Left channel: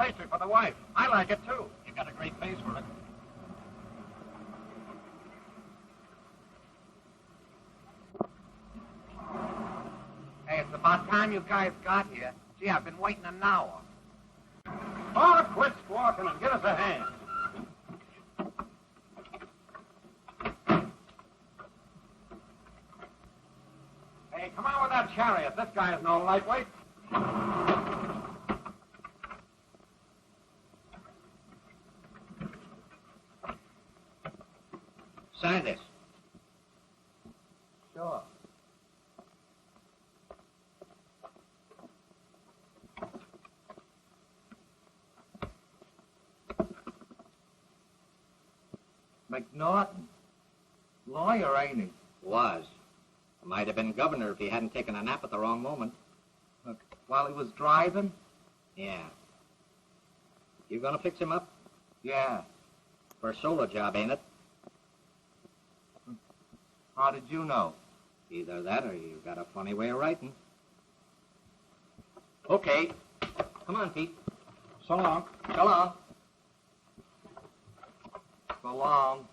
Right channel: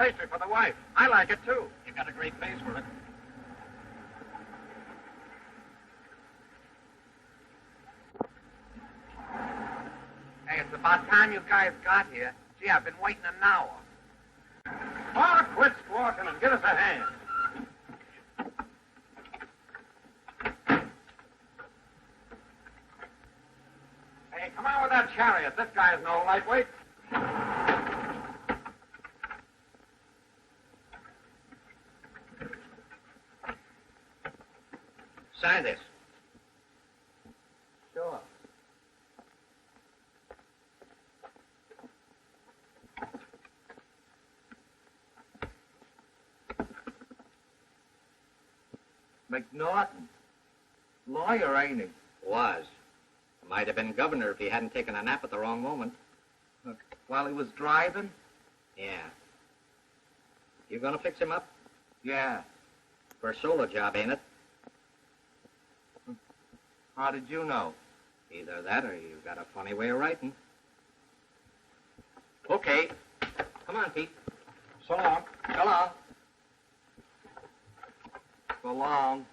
pastry for the wife. I like it, too. You got a great face for it. Hey, it's about time you guys got here. Gee, I've been waiting an hour. Oh, quit squawking and give us a hand. Hey, come on with that chariot. This guy is no lightweight. Sign this. Sure. McNaughton. Lawyer, ain't he? Was. Might have been governor if he hadn't taken a nap at the wrong moment. While he was driving? Yeah. You gonna fix him up? Yeah. For a solo job, ain't it? How did you know? Either that or you've got a funny way of writing. Okay. Come on, Pete. So long. So long. So long.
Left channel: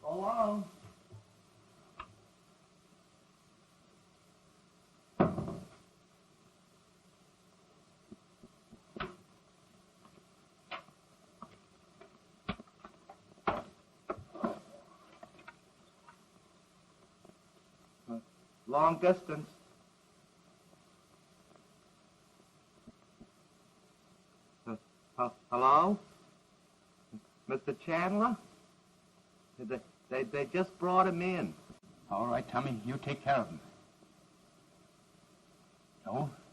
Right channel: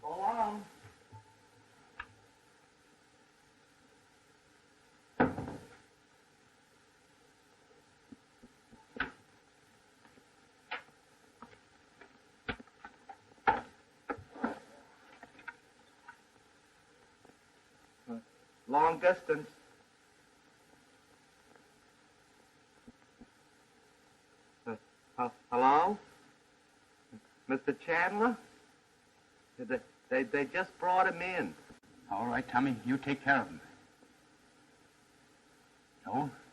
So long. Long distance. Hello? Mr. Chandler? They just brought him in. All right, Tommy, you take care of him.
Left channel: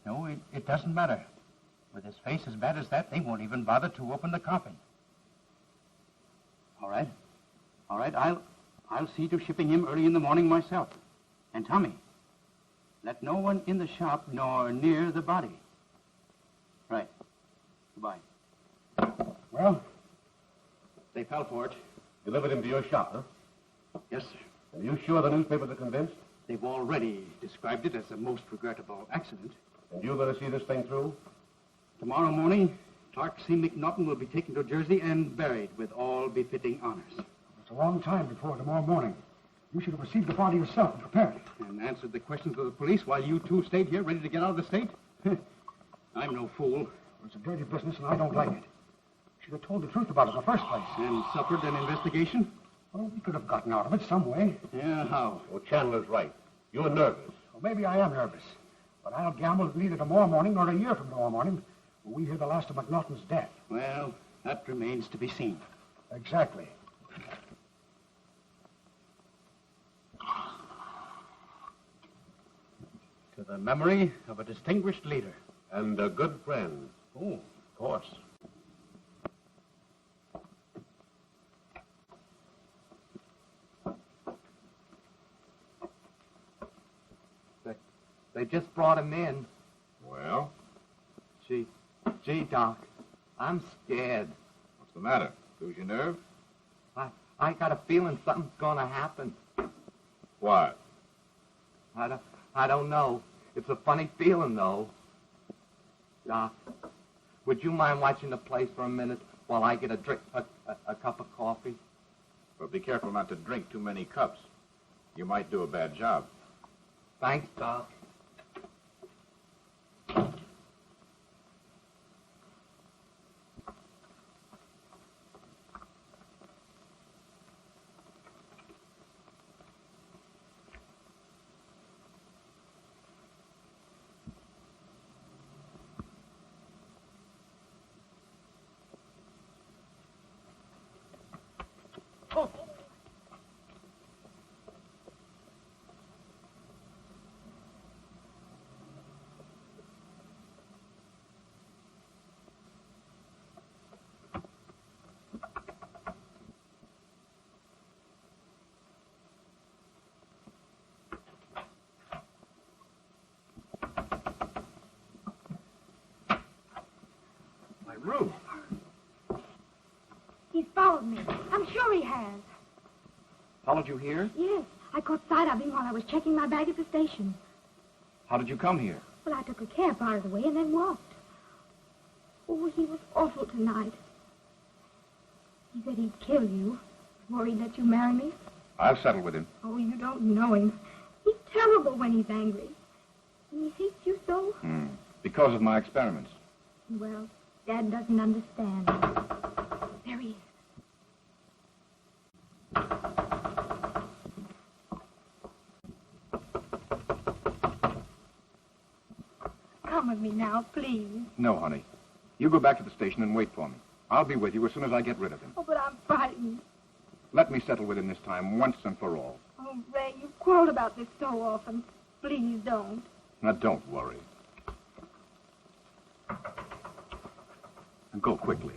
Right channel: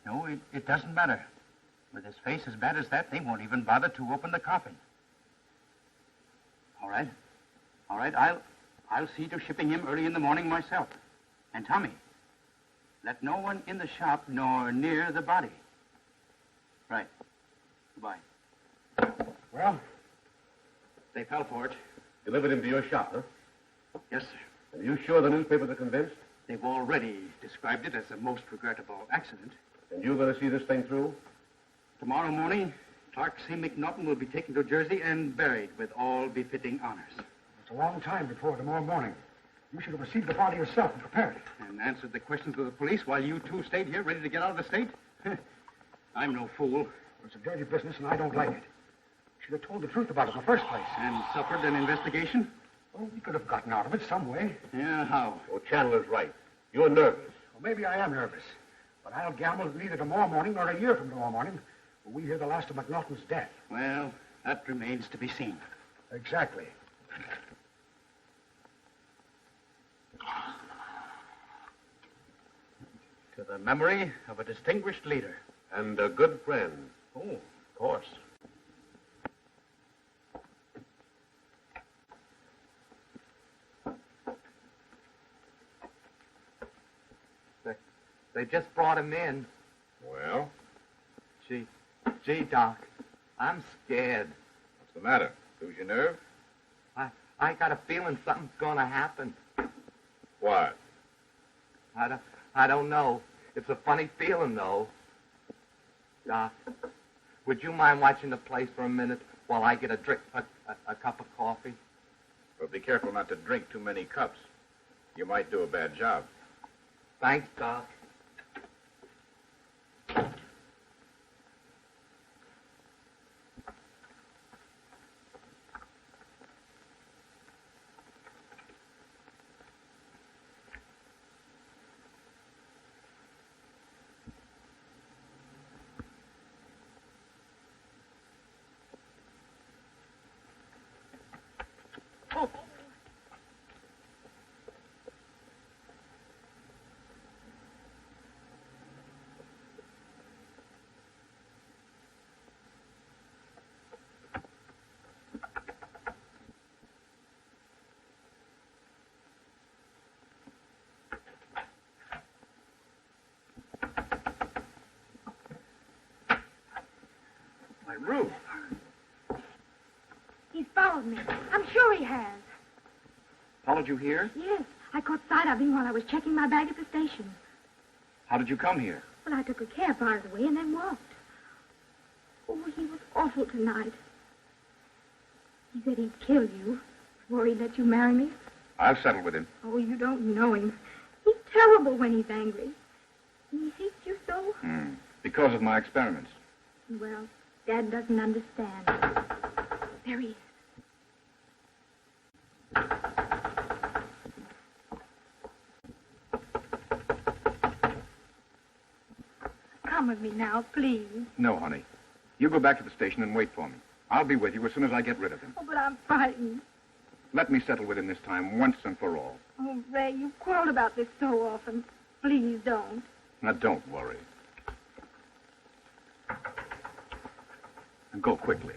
No, it doesn't matter. With his face as bad as that, they won't even bother to open the coffin. All right, I'll see to shipping him early in the morning myself. And Tommy, let no one in the shop nor near the body. Right. Goodbye. Well, they fell for it. Delivered him to your shop, huh? Yes, sir. Are you sure the newspapers are convinced? They've already described it as a most regrettable accident. And you're going to see this thing through? Tomorrow morning, Clark C. McNaughton will be taken to Jersey and buried with all befitting honors. It's a long time before tomorrow morning. You should have received the body yourself and prepared it. And answered the questions of the police while you two stayed here ready to get out of the state? I'm no fool. It's a dirty business, and I don't like it. You should have told the truth about it in the first place. And suffered an investigation? Well, we could have gotten out of it some way. Yeah, how? Oh, Chandler's right. You're nervous. Well, maybe I am nervous. But I'll gamble that neither tomorrow morning nor a year from tomorrow morning will we hear the last of McNaughton's death. Well, that remains to be seen. Exactly. To the memory of a distinguished leader. And a good friend. Oh, Of course. They just brought him in. Well, Gee, Doc, I'm scared. what's the matter? Lose your nerve? I got a feeling something's gonna happen. What? I don't know. It's a funny feeling, though. Doc, would you mind watching the place for a minute while I get a cup of coffee? But be careful not to drink too many cups. You might do a bad job. Thanks, Doc. My room. He's followed me. I'm sure he has. Followed you here? Yes, I caught sight of him while I was checking my bag at the station. How did you come here? Well, I took a cab part of the way and then walked. Oh, he was awful tonight. He said he'd kill you before he'd let you marry me. I'll settle with him. Oh, you don't know him. He's terrible when he's angry. And he hates you so. Because of my experiments. Well, Dad doesn't understand. There he is. Come with me now, please. No, honey. You go back to the station and wait for me. I'll be with you as soon as I get rid of him. Oh, but I'm frightened. Let me settle with him this time, once and for all. Oh, Ray, you've quarreled about this so often. Please don't. Now, don't worry. And go quickly.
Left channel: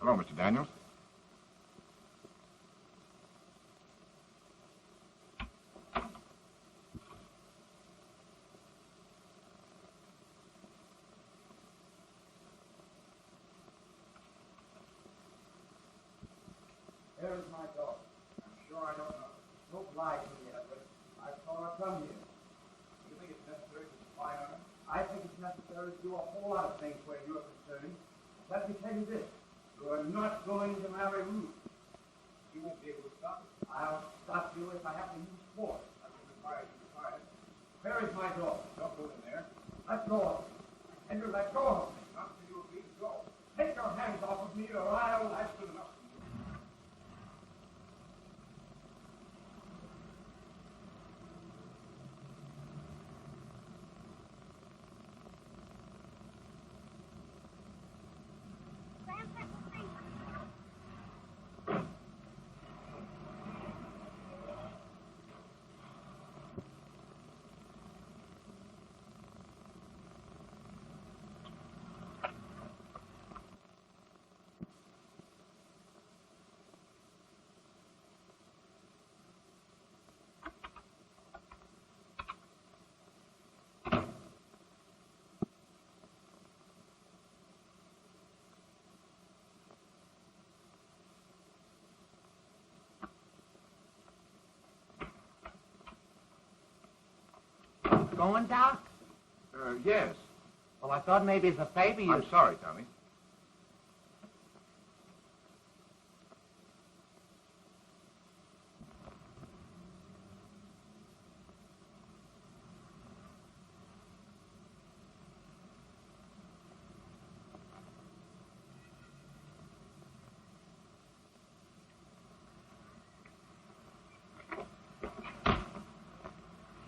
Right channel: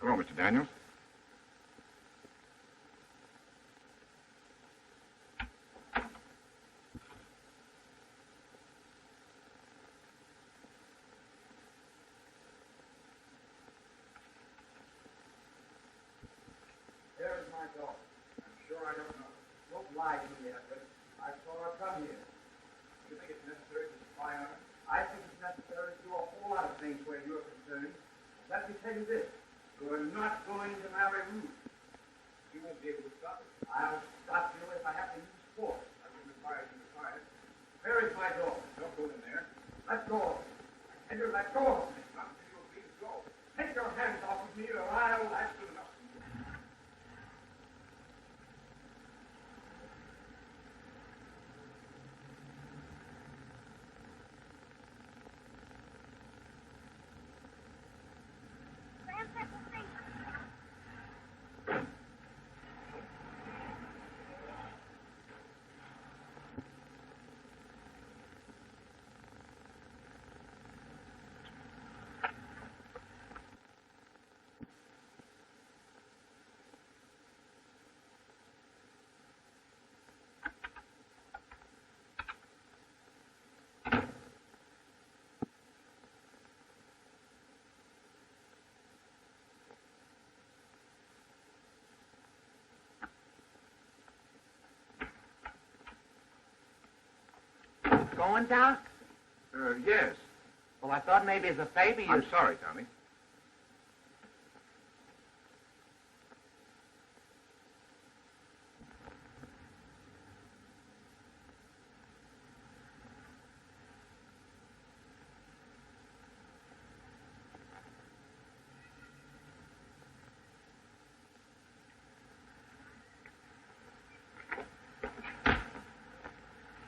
Hello, Mr. Daniels. There is my daughter. I'm sure I don't know. Don't lie to me, Everett. I saw her come here. You think it's necessary to spy on her? I think it's necessary to do a whole lot of things where you're concerned. Let me tell you this. You're not going to marry Ruth. You won't be able to stop it. I'll stop you if I have to use force. I can require you to try it. Where is my daughter? Don't go in there. Let go of me. I tell you, let go of me. Not until you agree to go. Take your hands off of me or I'll... That's good enough. Going, Doc? Yes. Well, I thought maybe as a favor you... I'm sorry, Tommy.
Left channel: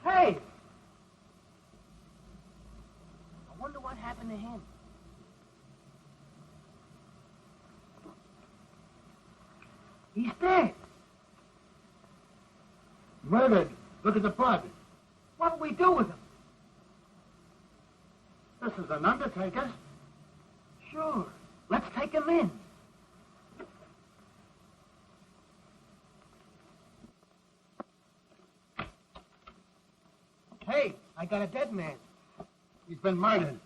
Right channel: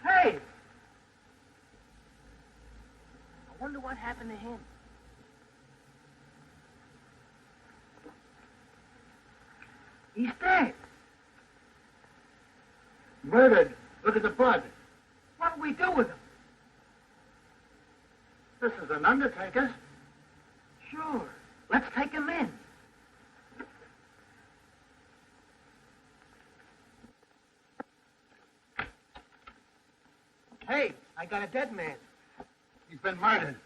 Hey! I wonder what happened to him. He's dead. Murdered. Look at the blood. What'll we do with him? This is an undertaker's. Sure. Let's take him in. Hey, I got a dead man. He's been murdered.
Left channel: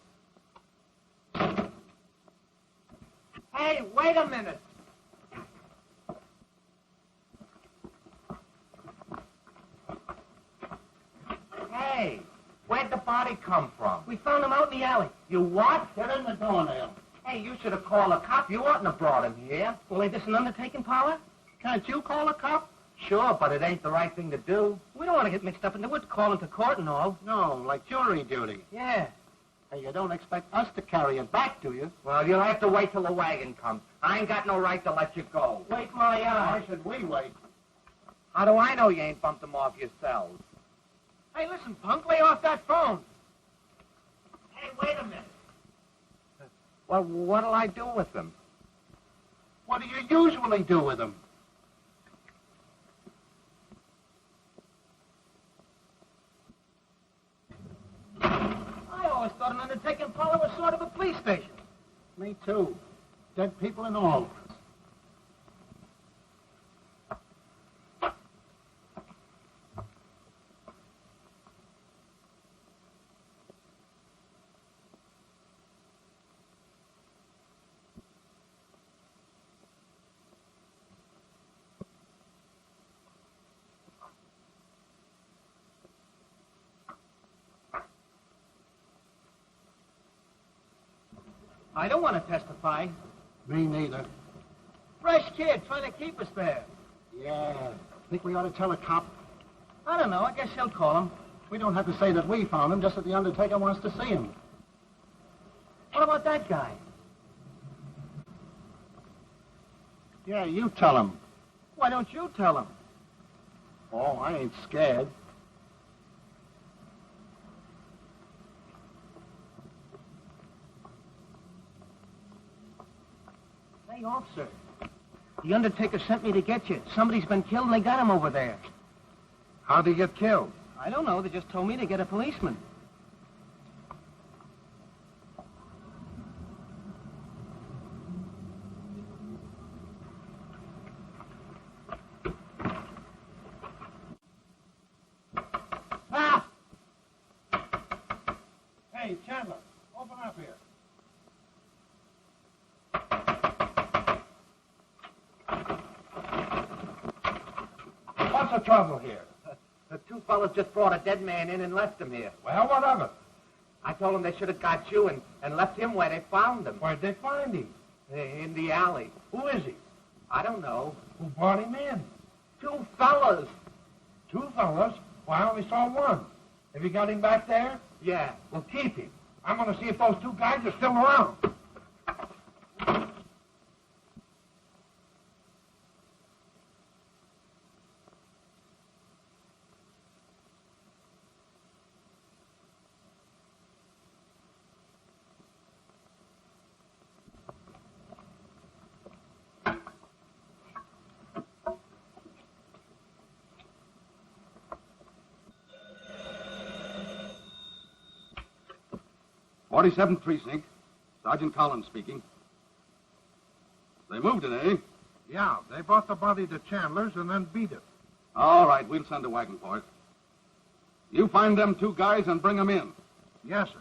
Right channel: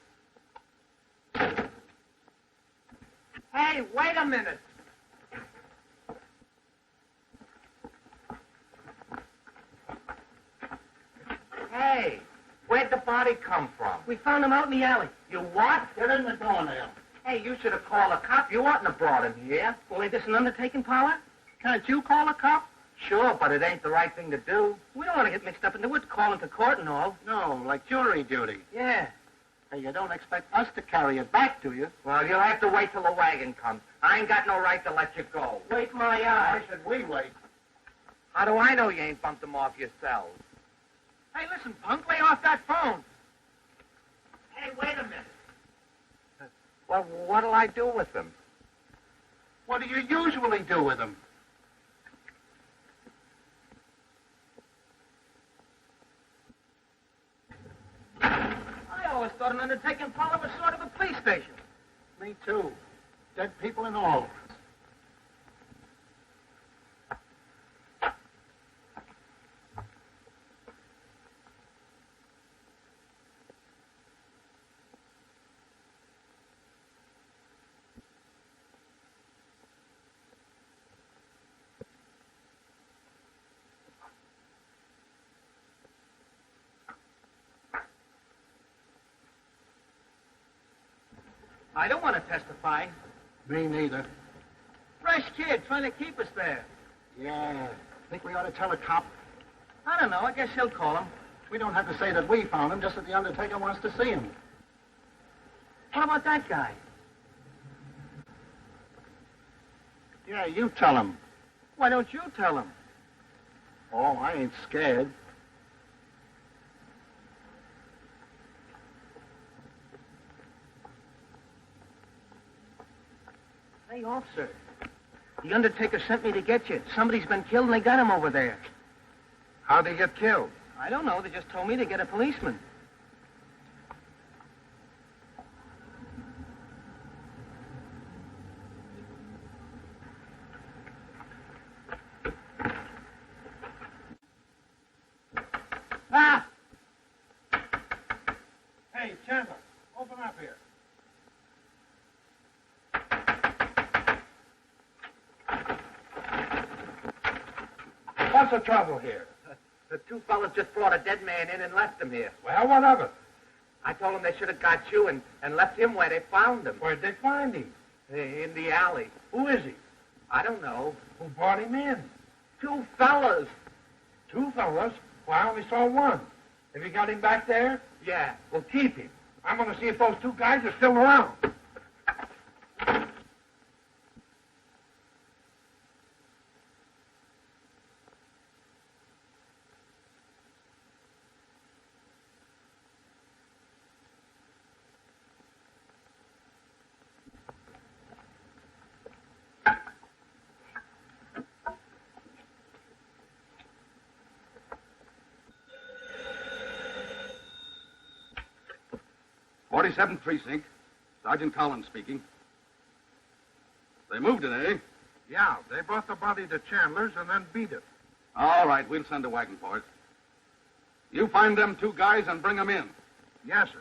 Hey, wait a minute. Hey, where'd the body come from? We found him out in the alley. You what? Get in the doornail. Hey, you should have called a cop. You oughtn't have brought him here. Well, ain't this an undertaking, Paula? Can't you call a cop? Sure, but it ain't the right thing to do. We don't want to get mixed up into it, calling to court and all. No, like jury duty. Yeah. Hey, you don't expect us to carry it back, do you? Well, you'll have to wait till the wagon comes. I ain't got no right to let you go. Wait my Why eye. should we wait? How do I know you ain't bumped him off yourselves? Hey, listen, punk, lay off that phone. Hey, wait a minute. Well, what'll I do with him? What do you usually do with them? I always thought an undertaking parlor was sort of a police station. Me too. Dead people and all. I don't want to testify. Me neither. Fresh kid trying to keep us there. Yeah. Think we ought to tell a cop? I don't know. I guess he'll call him. We don't have to say that we found him, just that the undertaker wants to see him. What about that guy? Yeah, you tell him. Why don't you tell him? Oh, I ain't scared. Hey, officer. The undertaker sent me to get you. Somebody's been killed and they got him over there. How'd he get killed? I don't know. They just told me to get a policeman. Ah! Hey, Chandler, open up here. What's the trouble here? The two fellas just brought a dead man in and left him here. Well, what of it? I told them they should have got you and left him where they found him. Where'd they find him? In the alley. Who is he? I don't know. Who brought him in? Two fellas. Two fellas? Well, I only saw one. Have you got him back there? Yeah. Well, keep him. I'm going to see if those two guys are still around. '47th Precinct. Sergeant Collins speaking. They moved it, eh? Yeah, they brought the body to Chandler's and then beat it. All right, we'll send a wagon for it. You find them two guys and bring them in. Yes, sir.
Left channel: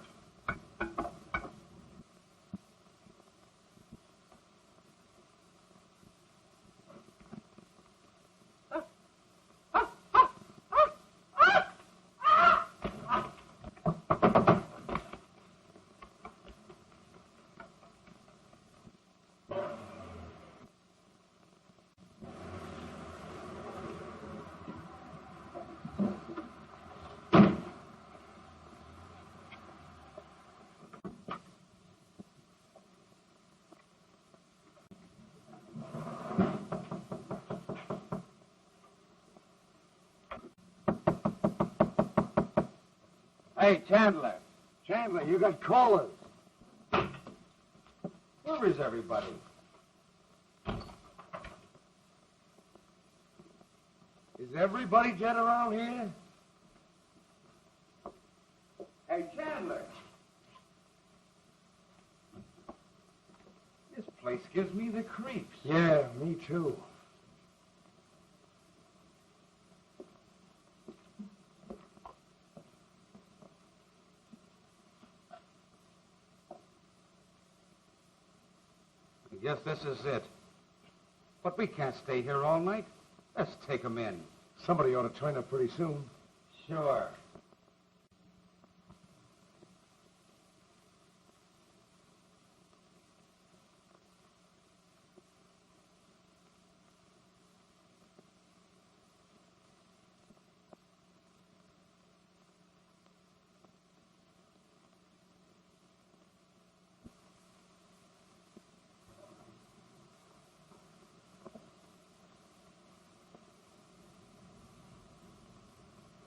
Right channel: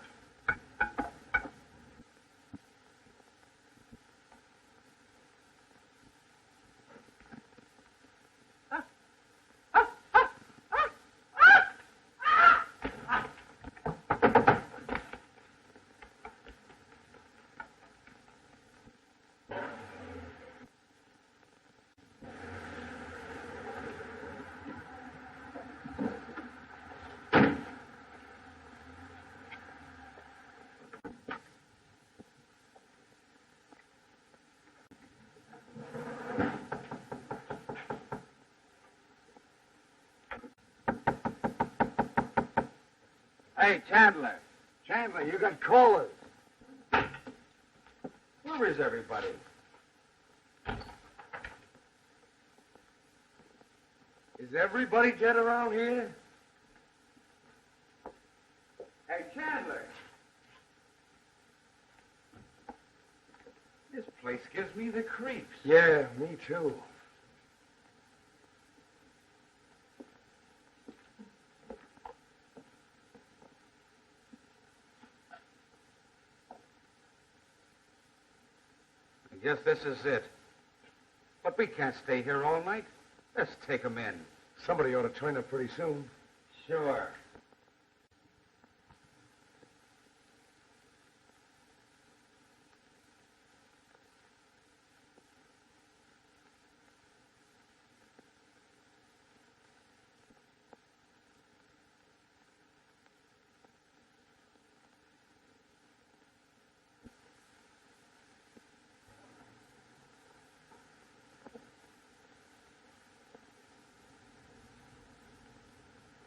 Hey, Chandler. Chandler, you got callers. Where is everybody? Is everybody dead around here? Hey, Chandler. This place gives me the creeps. Yeah, me too. I guess this is it. But we can't stay here all night. Let's take them in. Somebody ought to turn up pretty soon. Sure.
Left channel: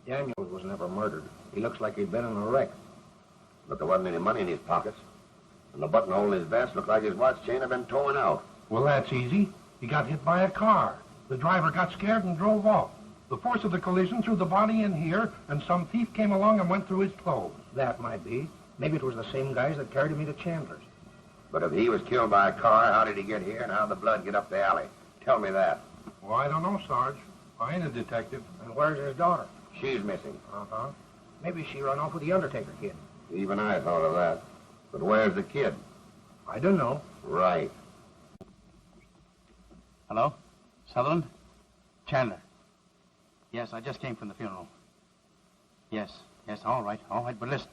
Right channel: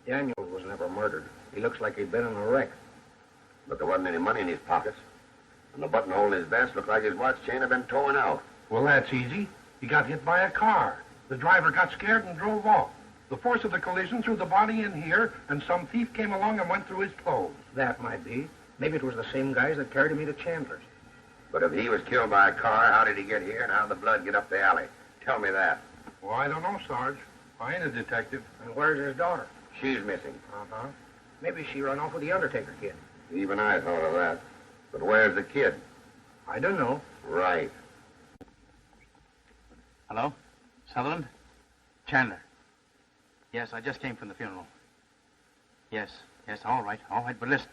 Daniels was never murdered. He looks like he'd been in a wreck. But there wasn't any money in his pockets. And the buttonhole in his vest looked like his watch chain had been torn out. Well, that's easy. He got hit by a car. The driver got scared and drove off. The force of the collision threw the body in here, and some thief came along and went through his clothes. That might be. Maybe it was the same guys that carried me to Chandler's. But if he was killed by a car, how did he get here and how did the blood get up the alley? Tell me that. Well, I don't know, Sarge. I ain't a detective. And where's his daughter? She's missing. Uh-huh. Maybe she run off with the Undertaker kid. Even I thought of that. But where's the kid? I don't know. Right. Hello? Sutherland? Chandler. Yes, I just came from the funeral. Yes, all right, but listen.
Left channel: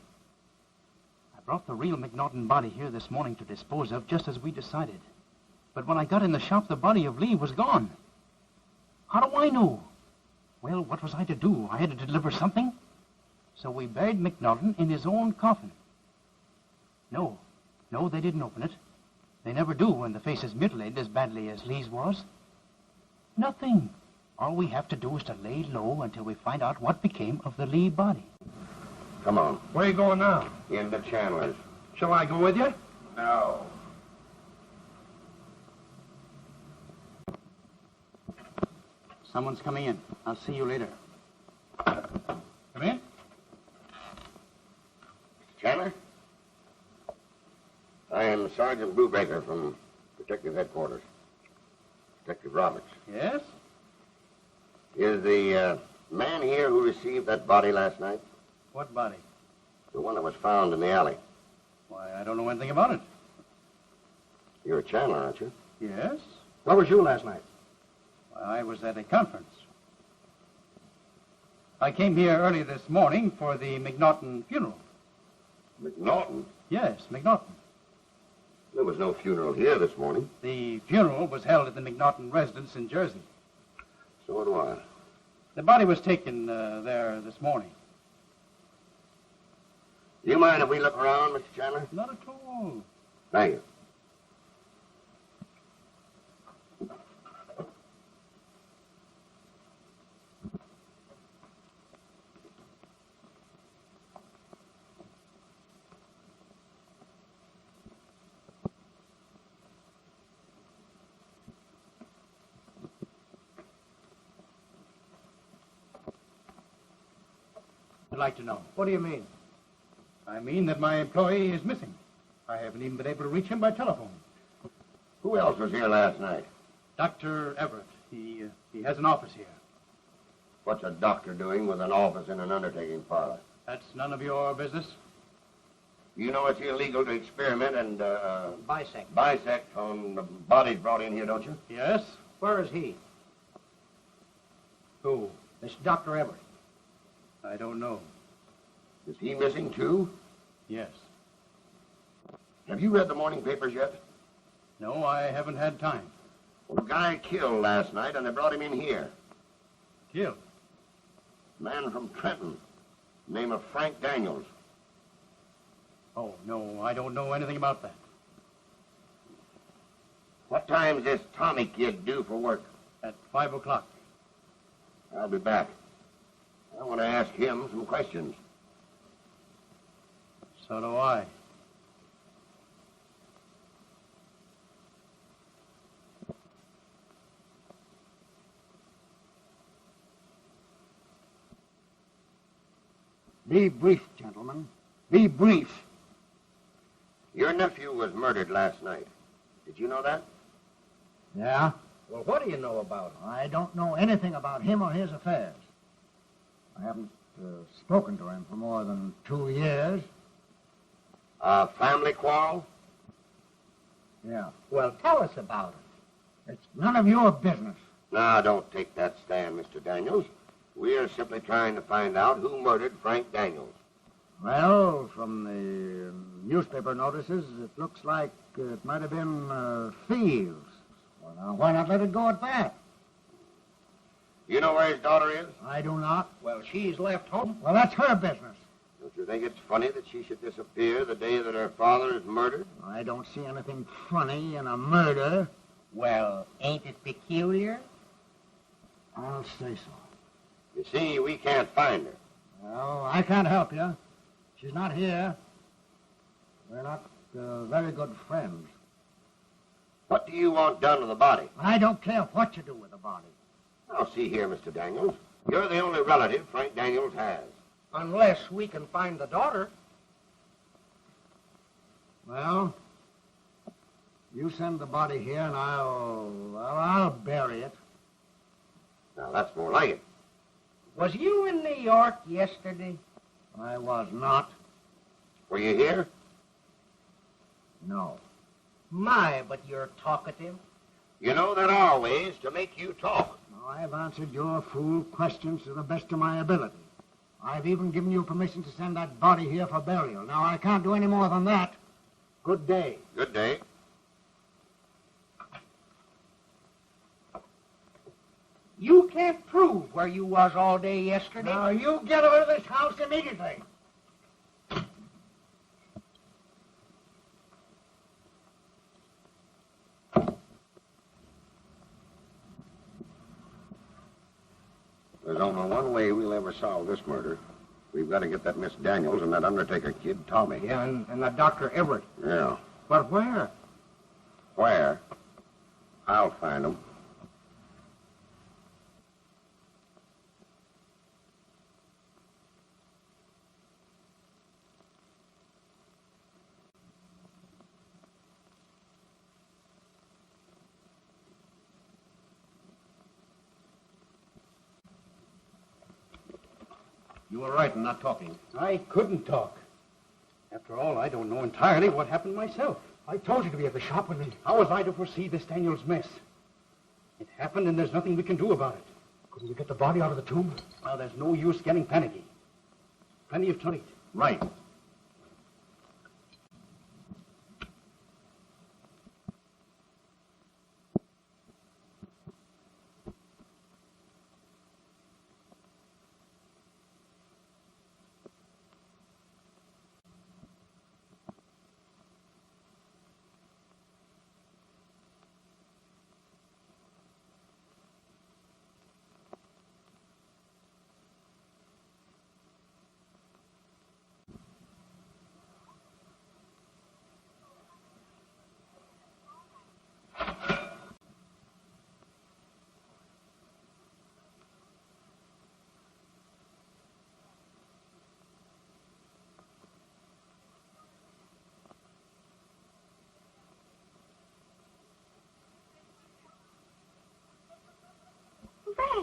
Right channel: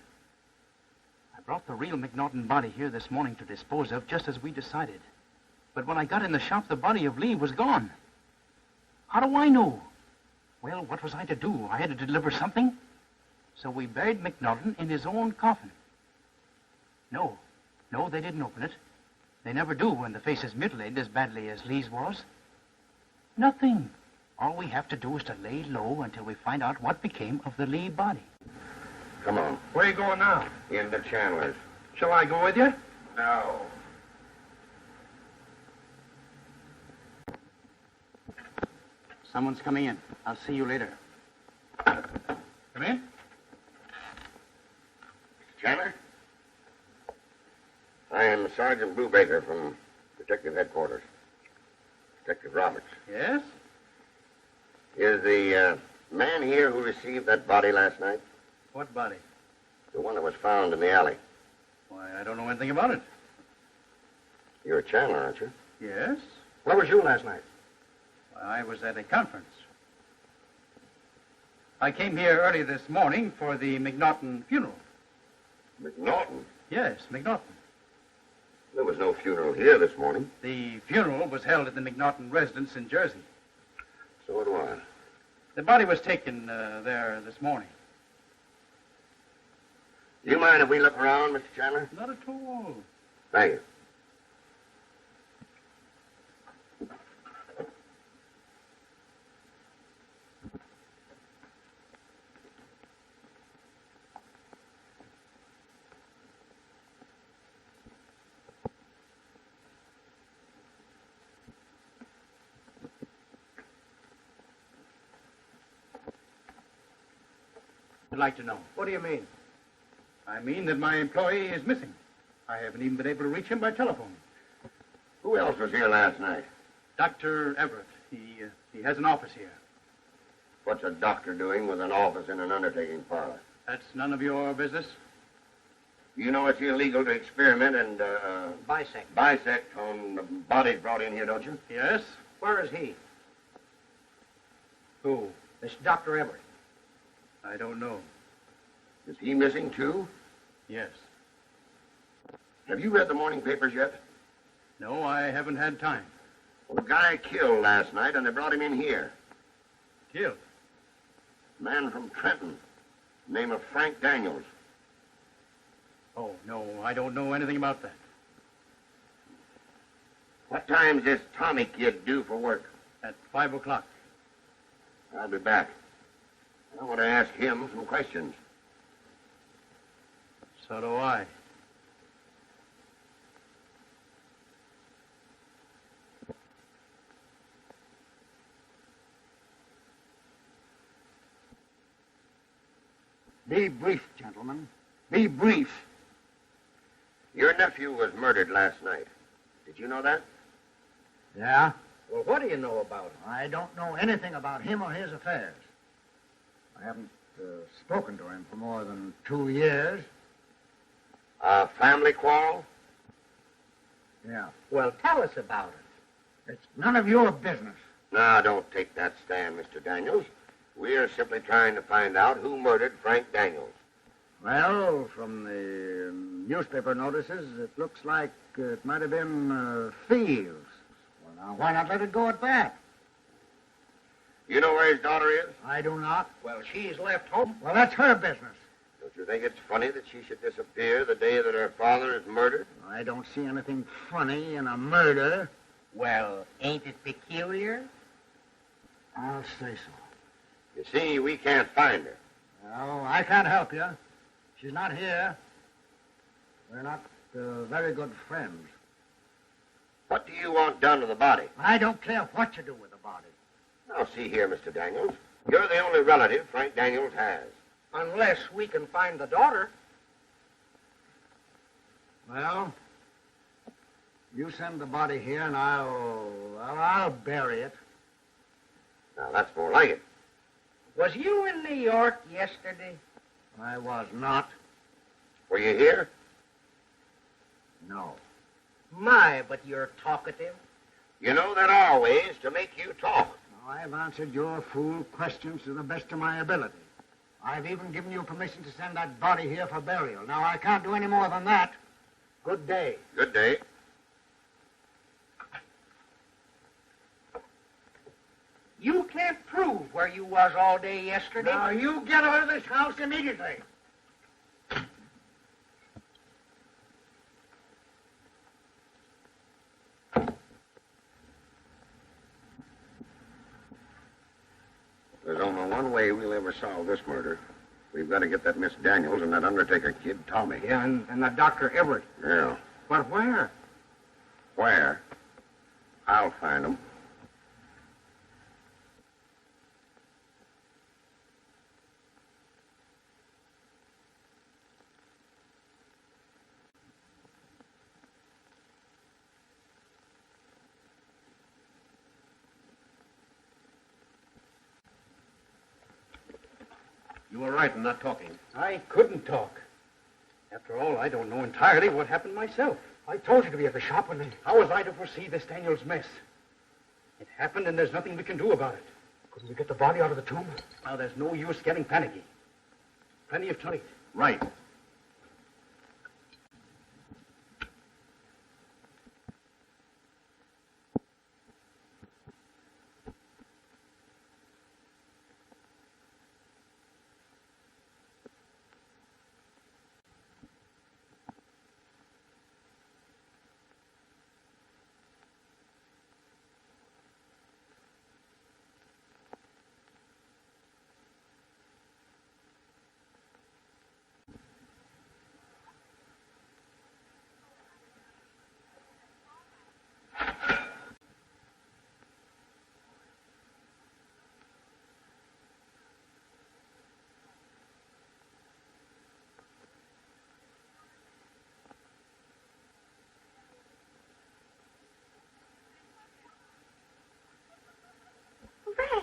I brought the real McNaughton body here this morning to dispose of, just as we decided. But when I got in the shop, the body of Lee was gone. How do I know? Well, what was I to do? I had to deliver something. So we buried McNaughton in his own coffin. No, they didn't open it. They never do when the face is mutilated as badly as Lee's was. Nothing. All we have to do is to lay low until we find out what became of the Lee body. Come on. Where are you going now? In the Chandler's. Shall I go with you? No. Someone's coming in. I'll see you later. Come in. Chandler? I am Sergeant Brubaker from Detective Headquarters. Detective Roberts. Yes? Is the man here who received that body last night? What body? The one that was found in the alley. Why, I don't know anything about it. You're a Chandler, aren't you? Yes? Where was you last night? I was at a conference. I came here early this morning for the McNaughton funeral. McNaughton? Yes, McNaughton. There was no funeral here this morning. The funeral was held at the McNaughton residence in Jersey. So do I. The body was taken there this morning. Do you mind if we look around, Mr. Chandler? Not at all. Thank you. I'd like to know. What do you mean? I mean that my employee is missing. I haven't even been able to reach him by telephone. Who else was here last night? Dr. Everett. He has an office here. What's a doctor doing with an office in an undertaking parlor? That's none of your business. You know it's illegal to experiment and, bisect on the bodies brought in here, don't you? Yes? Where is he? Who? This Dr. Everett. I don't know. Is he missing, too? Yes. Have you read the morning papers yet? No, I haven't had time. Well, a guy killed last night, and they brought him in here. Killed? A man from Trenton, name of Frank Daniels. Oh, no, I don't know anything about that. What time's this Tommy kid due for work? At 5 o'clock. I'll be back. I want to ask him some questions. So do I. Be brief, gentlemen. Be brief. Your nephew was murdered last night. Did you know that? Yeah? Well, what do you know about him? I don't know anything about him or his affairs. I haven't spoken to him for more than 2 years. A family quarrel? Yeah. Well, tell us about it. It's none of your business. Now, don't take that stand, Mr. Daniels. We're simply trying to find out who murdered Frank Daniels. Well, from the newspaper notices, it looks like it might have been thieves. Well, now, why not let it go at that? You know where his daughter is? I do not. Well, she's left home. Well, that's her business. Don't you think it's funny that she should disappear the day that her father is murdered? I don't see anything funny in a murder. Well, ain't it peculiar? I'll say so. You see, we can't find her. Well, I can't help you. She's not here. We're not very good friends. What do you want done to the body? I don't care what you do with the body. Now, see here, Mr. Daniels. You're the only relative Frank Daniels has. Unless we can find the daughter. Well, you send the body here and I'll bury it. Now, that's more like it. Was you in New York yesterday? I was not. Were you here? No. My, but you're talkative. You know, there are ways to make you talk. I've answered your fool questions to the best of my ability. I've even given you permission to send that body here for burial. Now, I can't do any more than that. Good day. Good day. You can't prove where you was all day yesterday. Now, you get out of this house immediately. There's only one way we'll ever solve this murder. We've got to get that Miss Daniels and that undertaker kid, Tommy. Yeah, and that Dr. Everett. Yeah. But where? Where? I'll find them. You were right in not talking. I couldn't talk. After all, I don't know entirely what happened myself. I told you to be at the shop when they... How was I to foresee this Daniels mess? It happened, and there's nothing we can do about it. Couldn't we get the body out of the tomb? Now, there's no use getting panicky. Plenty of time. Right.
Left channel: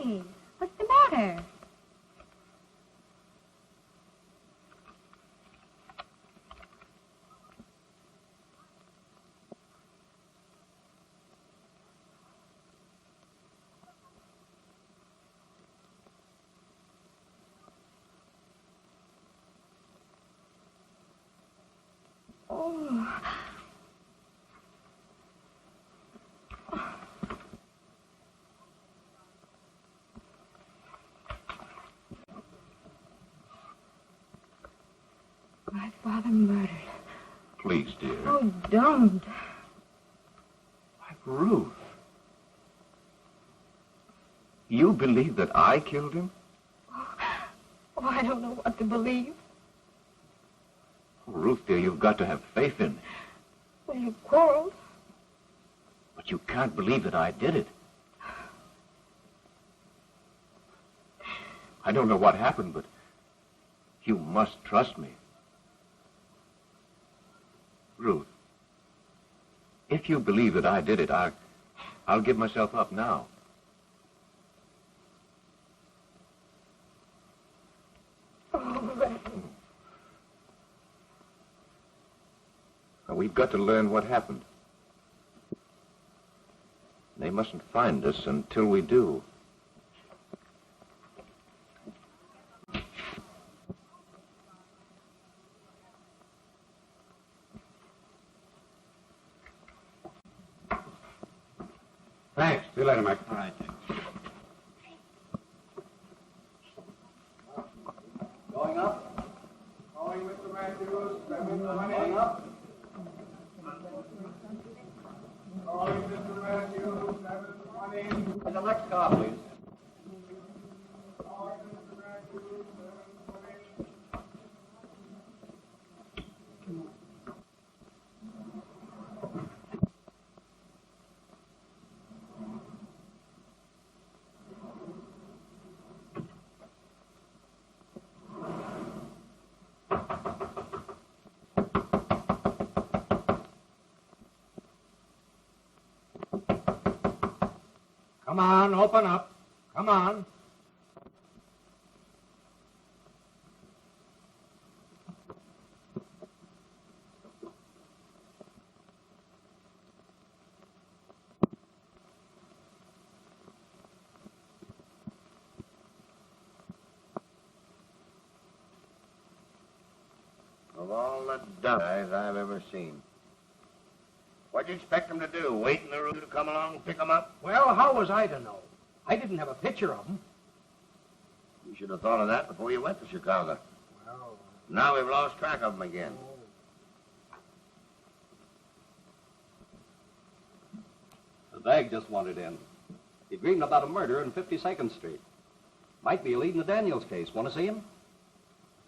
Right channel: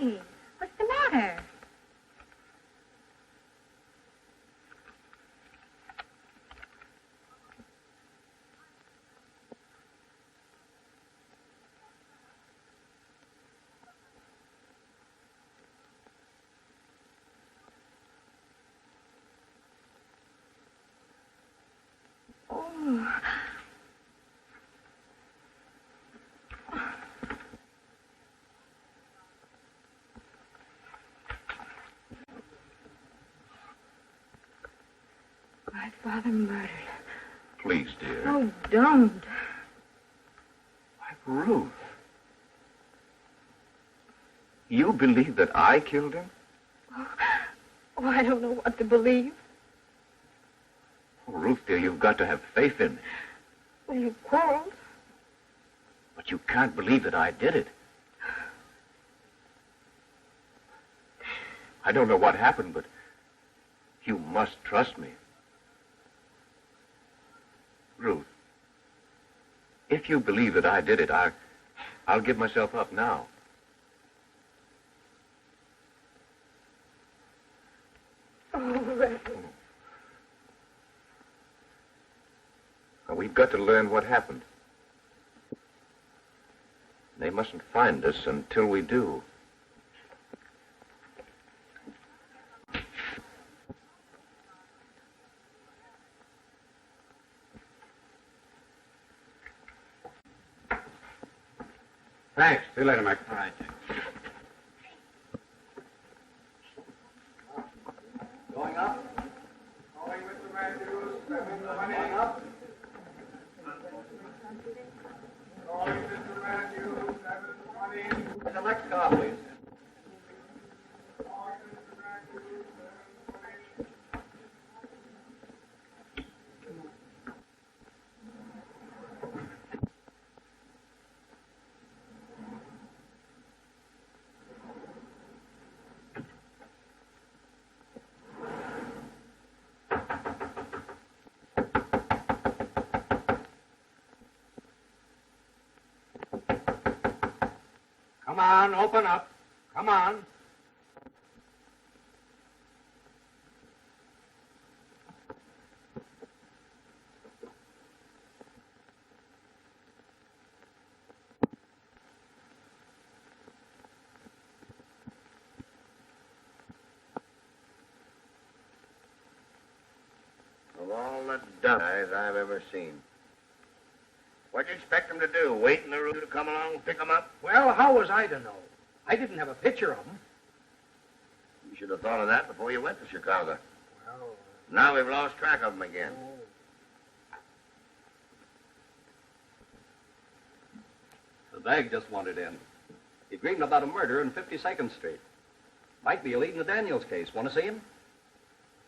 Ray, what's the matter? Oh. My father murdered. Please, dear. Oh, don't. Ruth. You believe that I killed him? Oh, I don't know what to believe. Oh, Ruth, dear, you've got to have faith in me. Well, you quarreled. But you can't believe that I did it. I don't know what happened, but you must trust me. Ruth, if you believe that I did it, I'll give myself up now. Oh, Ray. Now, we've got to learn what happened. They mustn't find us until we do. Thanks. See you later, Mike. All right. Going up. Going, Mr. Matthews. Going up. Going, Mr. Matthews. 720. The next car, please. Come on, open up. Come on. guys I've ever seen. What'd you expect them to do? Wait in the room to come along and pick them up? Well, how was I to know? I didn't have a picture of them. You should have thought of that before you went to Chicago. Well, Now we've lost track of them again. The bag just wandered in. He dreamed about a murder in 52nd Street. Might be a lead in the Daniels case. Want to see him?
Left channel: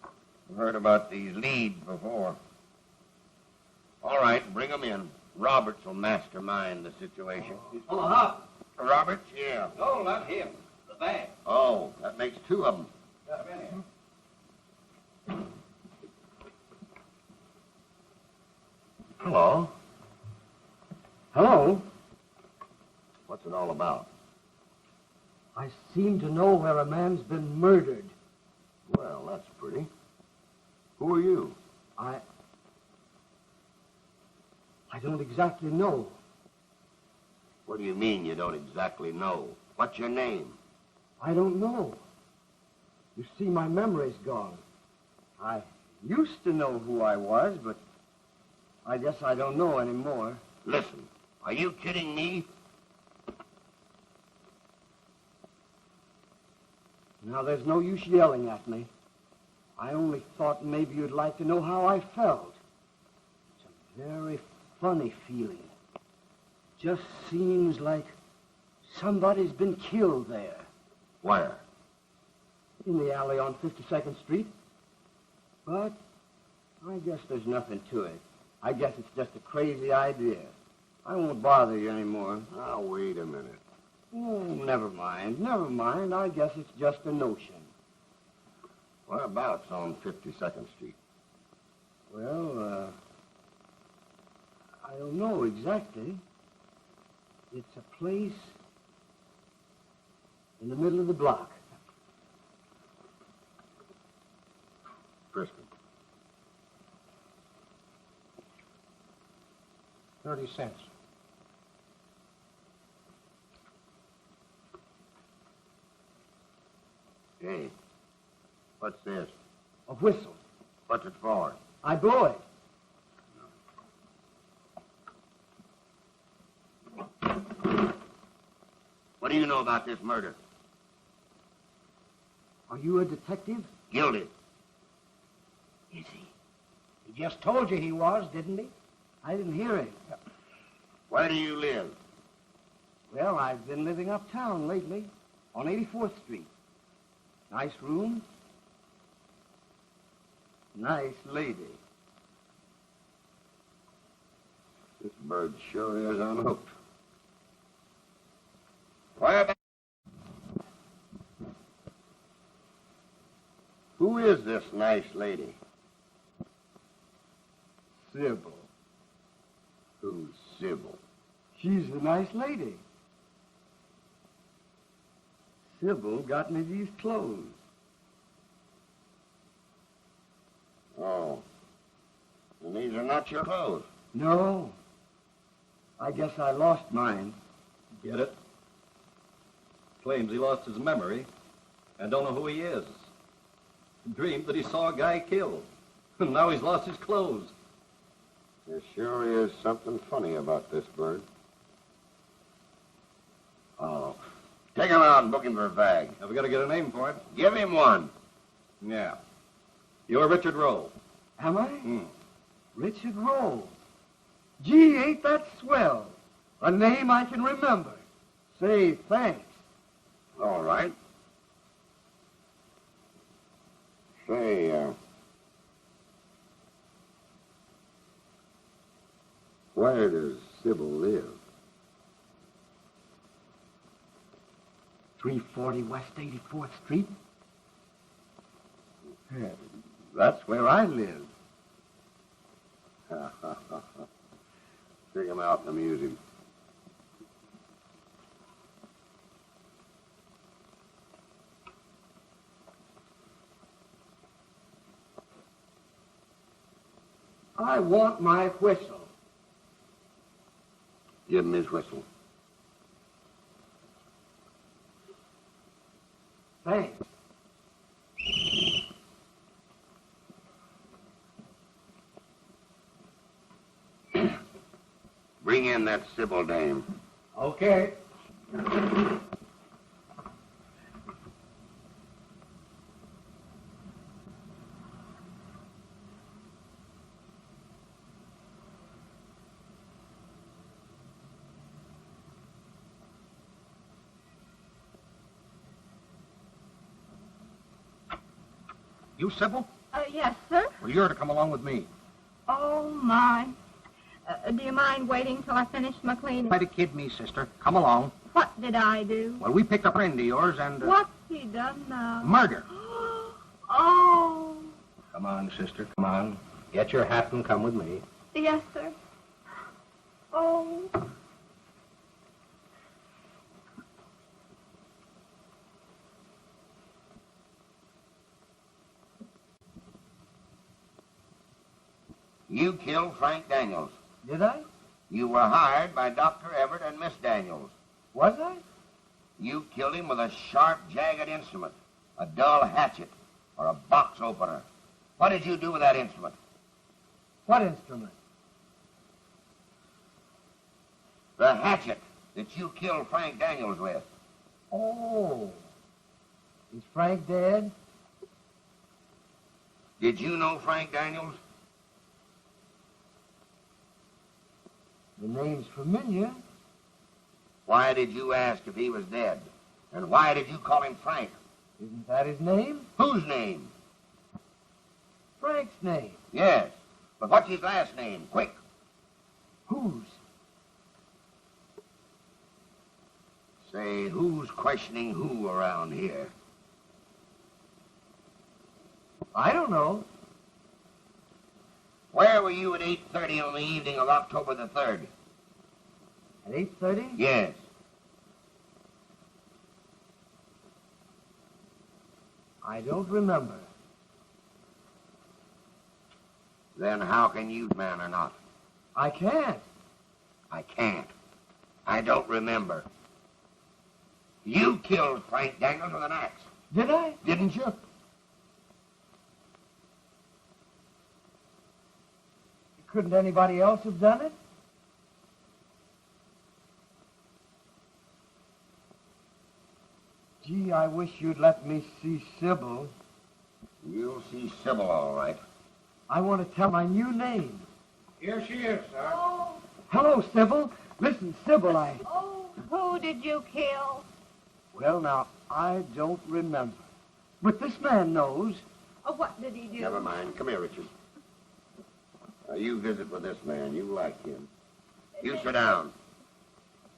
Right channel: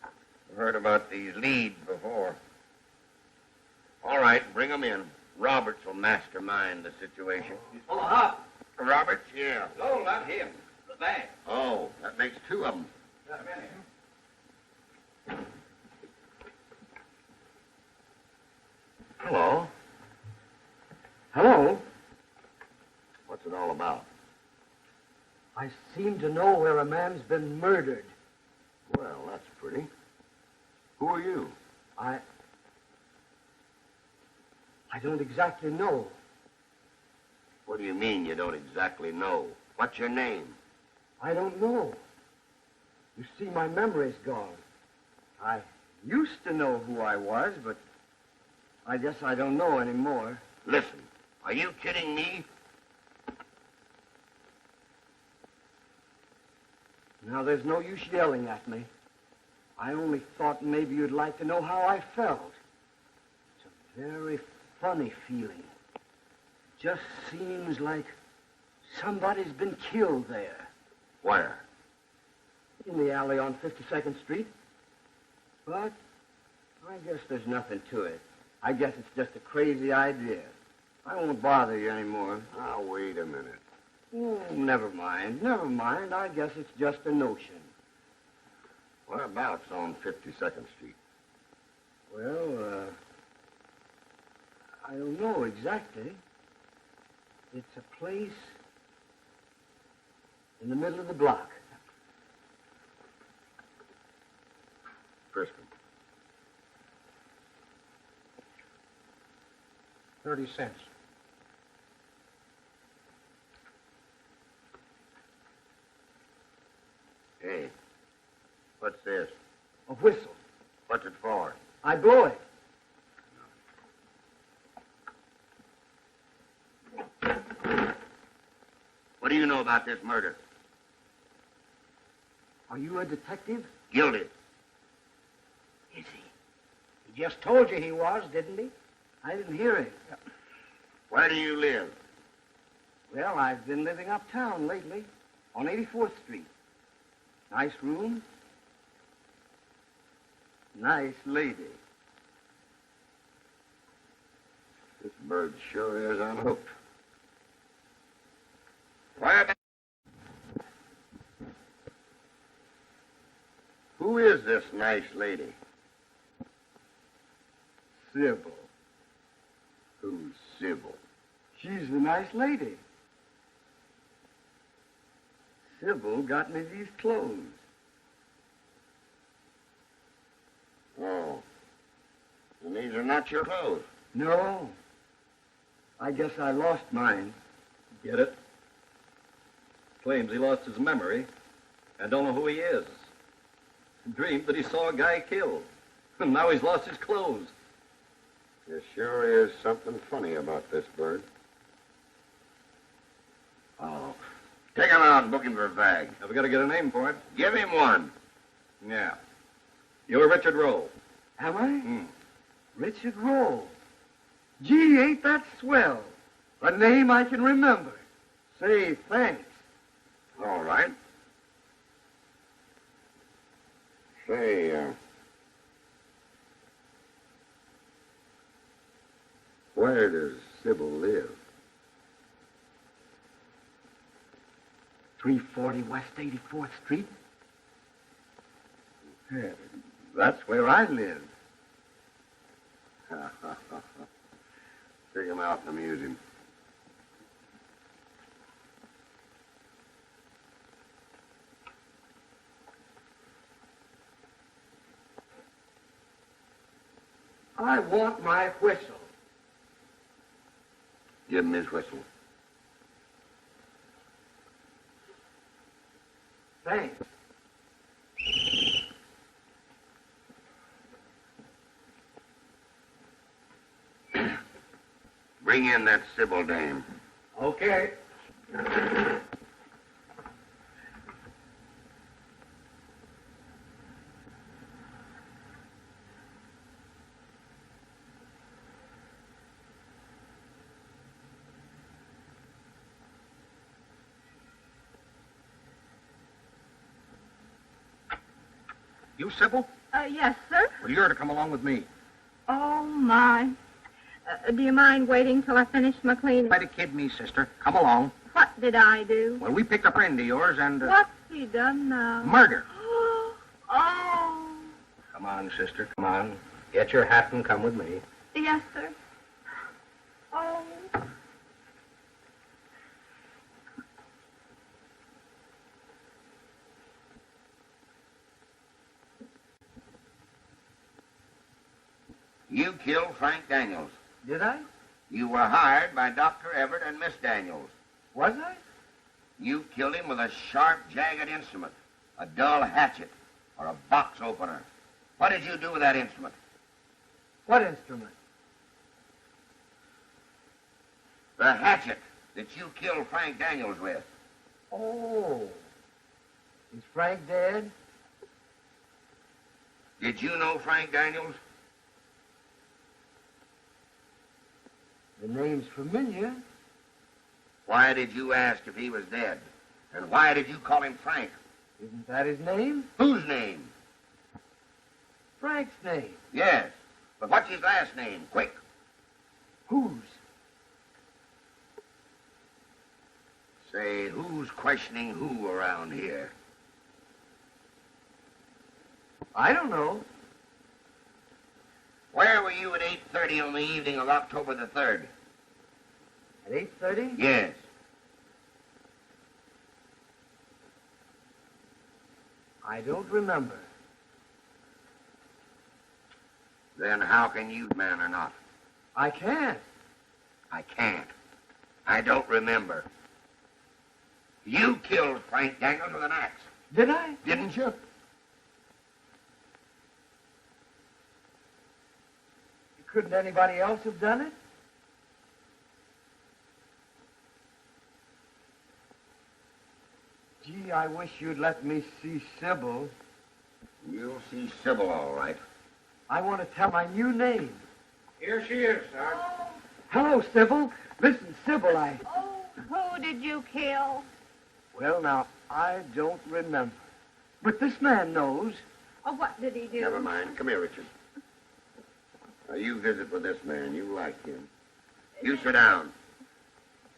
I've heard about these leads before. All right, bring them in. Roberts will mastermind the situation. He's full of hop. Roberts? Yeah. No, not him. The bag. Oh, that makes two of them. Come in here. Hello. hello. What's it all about? I seem to know where a man's been murdered. Well, that's pretty. Who are you? I don't exactly know. What do you mean you don't exactly know? What's your name? I don't know. You see, my memory's gone. I used to know who I was, but I guess I don't know anymore. Listen, are you kidding me? Now, there's no use yelling at me. I only thought maybe you'd like to know how I felt. It's a very funny feeling. Just seems like somebody's been killed there. Where? In the alley on 52nd Street. But I guess there's nothing to it. I guess it's just a crazy idea. I won't bother you anymore. Now, wait a minute. Oh, never mind. Never mind. I guess it's just a notion. Whereabouts on 52nd Street? Well, I don't know exactly. It's a place in the middle of the block. Crispin. 30 cents. Hey, what's this? A whistle. What's it for? I blow it. What do you know about this murder? Are you a detective? Guilty. Is he? He just told you he was, didn't he? I didn't hear him. Where do you live? Well, I've been living uptown lately, on 84th Street. Nice room. Nice lady. This bird sure is unhooked. Where? Who is this nice lady? Sybil. Who's Sybil? She's the nice lady. Sybil got me these clothes. Oh. And these are not your clothes. No. I guess I lost mine. Get it? Claims he lost his memory and don't know who he is. Dreamed that he saw a guy killed. And now he's lost his clothes. There sure is something funny about this bird. Oh. Take him out and book him for a bag. Now, we got to get a name for it. Give him one. Yeah. You're Richard Rowe. Am I? Hmm. Richard Rowe. Gee, ain't that swell? A name I can remember. Say, thanks. All right. Say, where does Sybil live? 340 West 84th Street. Yeah, that's where I live. Take him out and amuse him. I want my whistle. Give him his whistle. Thanks. Bring in that Sybil dame. Okay. You, Sybil? Yes, sir. Well, you're to come along with me. Oh, my. Do you mind waiting till I finish my cleaning? Try to kid me, sister. Come along. What did I do? Well, we picked up a friend of yours and... What's he done now? Murder. Oh. Come on, sister. Come on. Get your hat and come with me. Yes, sir. Oh. You killed Frank Daniels. Did I? You were hired by Dr. Everett and Miss Daniels. Was I? You killed him with a sharp, jagged instrument, a dull hatchet, or a box opener. What did you do with that instrument? What instrument? The hatchet that you killed Frank Daniels with. Oh. Is Frank dead? Did you know Frank Daniels? The name's familiar. Why did you ask if he was dead? And why did you call him Frank? Isn't that his name? Whose name? Frank's name. Yes. But what's his last name? Quick. Whose? Say, who's questioning who around here? I don't know. Where were you at 8:30 on the evening of October the 3rd? At 8:30? Yes. I don't remember. Then how can you, man, or not? I can't. I can't. I don't remember. You killed Frank Daniels with an axe. Did I? Didn't you? Couldn't anybody else have done it? Gee, I wish you'd let me see Sybil. You'll see Sybil all right. I want to tell my new name. Here she is, Sarge. Oh. Hello, Sybil. Listen, Sybil, Oh, who did you kill? Well, now, I don't remember. But this man knows. Oh, what did he do? Never mind. Come here, Richard. You visit with this man. You like him. You sit down.